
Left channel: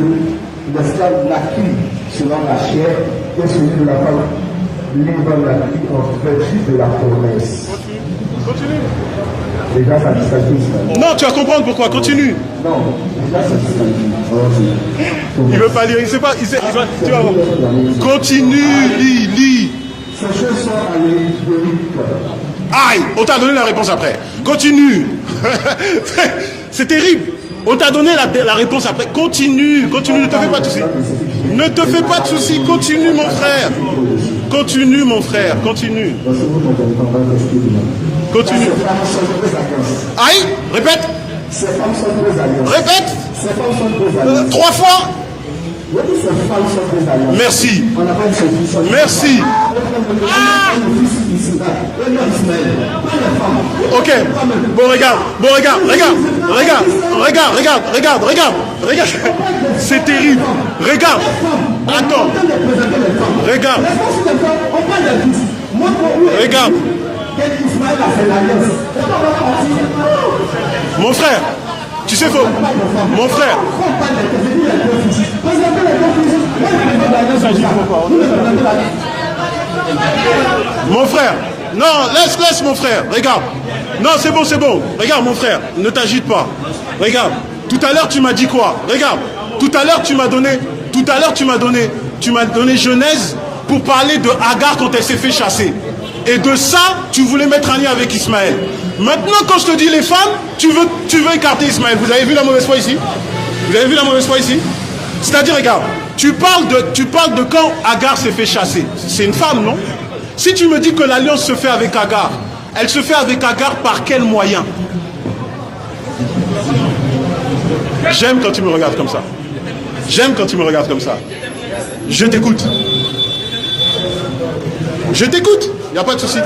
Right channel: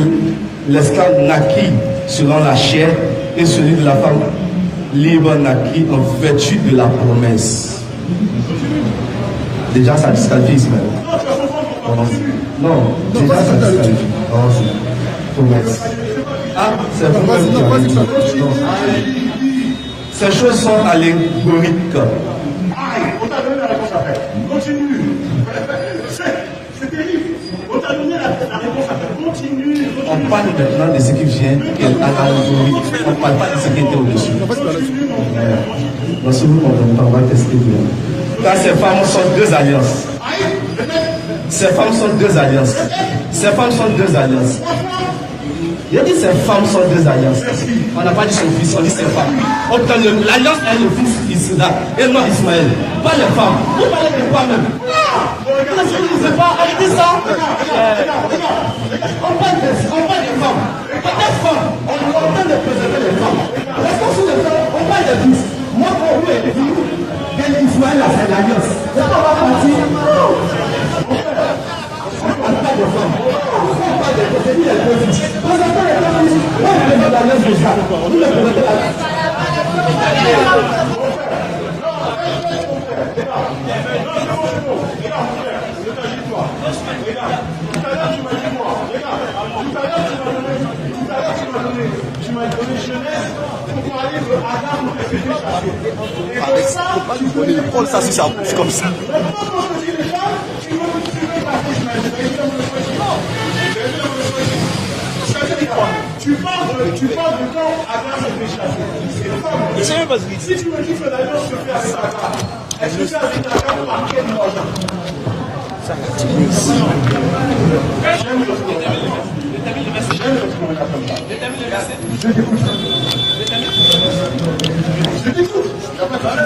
l'esclave naquit selon la chair et celui de la femme libre naquit en vertu de la promesse. Déjà, ça disqualifie Ismaël. Non, tu vas comprendre pourquoi. Continue. Non, déjà, ça disqualifie. Il veut pas lire. Il sait pas. Tu vas voir. Continue. Lis. Ces choses sont allégoriques. Aïe, on t'a donné la réponse après. Continue. C'est terrible. On t'a donné la réponse après. Continue. Ne te fais pas de soucis. Ne te fais pas de soucis. Continue, mon frère. Continue, mon frère. Continue. Si vous comprenez, on va tester. Continue. Ces femmes sont deux alliances. Aïe, répète. Ces femmes sont deux alliances. Répète. Ces femmes sont deux alliances. 3 fois. Il a dit ces femmes sont deux alliances. Merci. On n'a pas dit son fils. On dit merci. L'alliance a le fils Isaac et non Ismaël. Pas les femmes. Ok. Bon, regarde. C'est terrible. Regarde. Attends. Regarde. quel qu'il soit là, c'est l'alliance. On va partir. Mon frère, tu sais faux. Mon frère. Mon frère. Non, laisse mon frère. Regarde. Non, c'est bon, c'est bon. Regarde mon frère. Ne t'agite pas. Regarde. Tout à l'heure, tu m'as dit quoi? Regarde. Tout à l'heure, tu m'as donné Genèse pour parler de Agar quand elle s'est fait chasser. Et de ça, tu voulais mettre un lien avec Ismaël. Maintenant, quand je te dis les femmes, tu veux écarter Ismaël. Vous avez vu la mauvaise foi ici? Vous avez vu la mauvaise foi ici? C'est-à-dire, regarde, tu parles de quand Agar s'est fait chasser. C'est une femme, non? Si tu me dis que l'alliance se fait avec Agar, elle se fait avec Agar par quel moyen? J'aime quand tu me regardes comme ça. J'aime quand tu me regardes comme ça. Je t'écoute. Je t'écoute. Il n'y a pas de souci.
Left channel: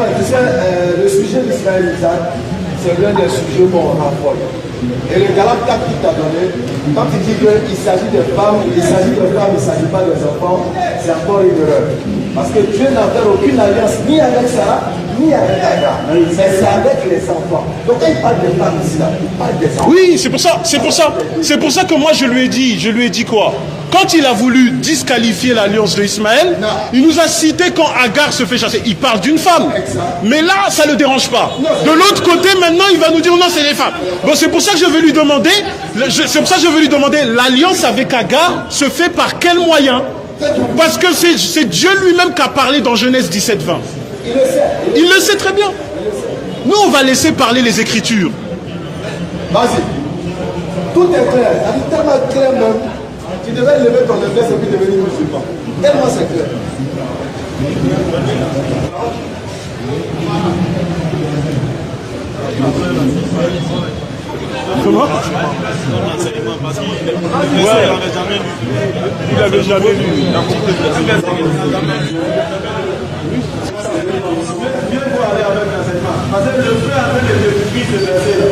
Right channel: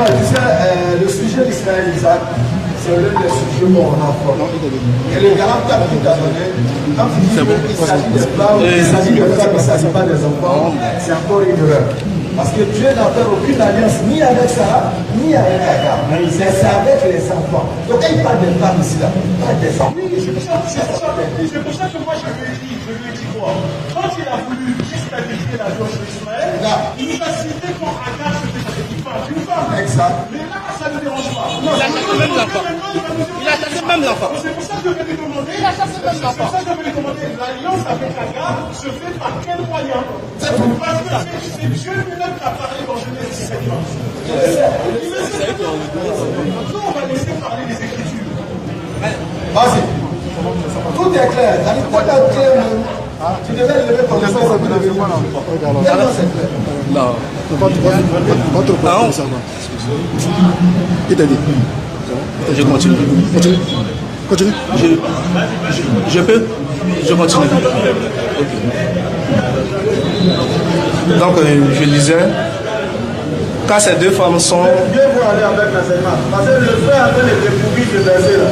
Tu sais, le sujet d'Ismaël Isaac, c'est l'un des sujets qu'on rencontre. Et le Galate 4 qui t'a donné, quand il dit qu'il s'agit des femmes, il s'agit des femmes, il ne s'agit pas des enfants, c'est encore une erreur. Parce que Dieu n'a fait aucune alliance ni avec Sarah, ni avec Agar. C'est avec les enfants. Donc quand il parle des femmes ici, il parle des enfants. Oui, c'est pour ça que moi je lui ai dit quoi? Quand il a voulu disqualifier l'alliance de Ismaël, il nous a cité quand Agar se fait chasser. Il parle d'une femme. Mais là, ça ne le dérange pas. De l'autre côté, maintenant, il va nous dire non, c'est les femmes. Bon, c'est pour ça que je vais lui demander, l'alliance avec Agar se fait par quel moyen? Parce que c'est Dieu lui-même qui a parlé dans Genèse 17, 20. Il le sait très bien. Nous, on va laisser parler les Écritures. Vas-y. Tout est clair. Tellement clair, même. Tu devais lever ton espèce et puis lever ton. Tellement c'est clair. Non. Je continue. Continue. Je peux. Je continue. Donc, je disais, quand ces deux femmes sont... Viens voir aller avec l'enseignement. Parce que je fais avec les découvrir de verser là.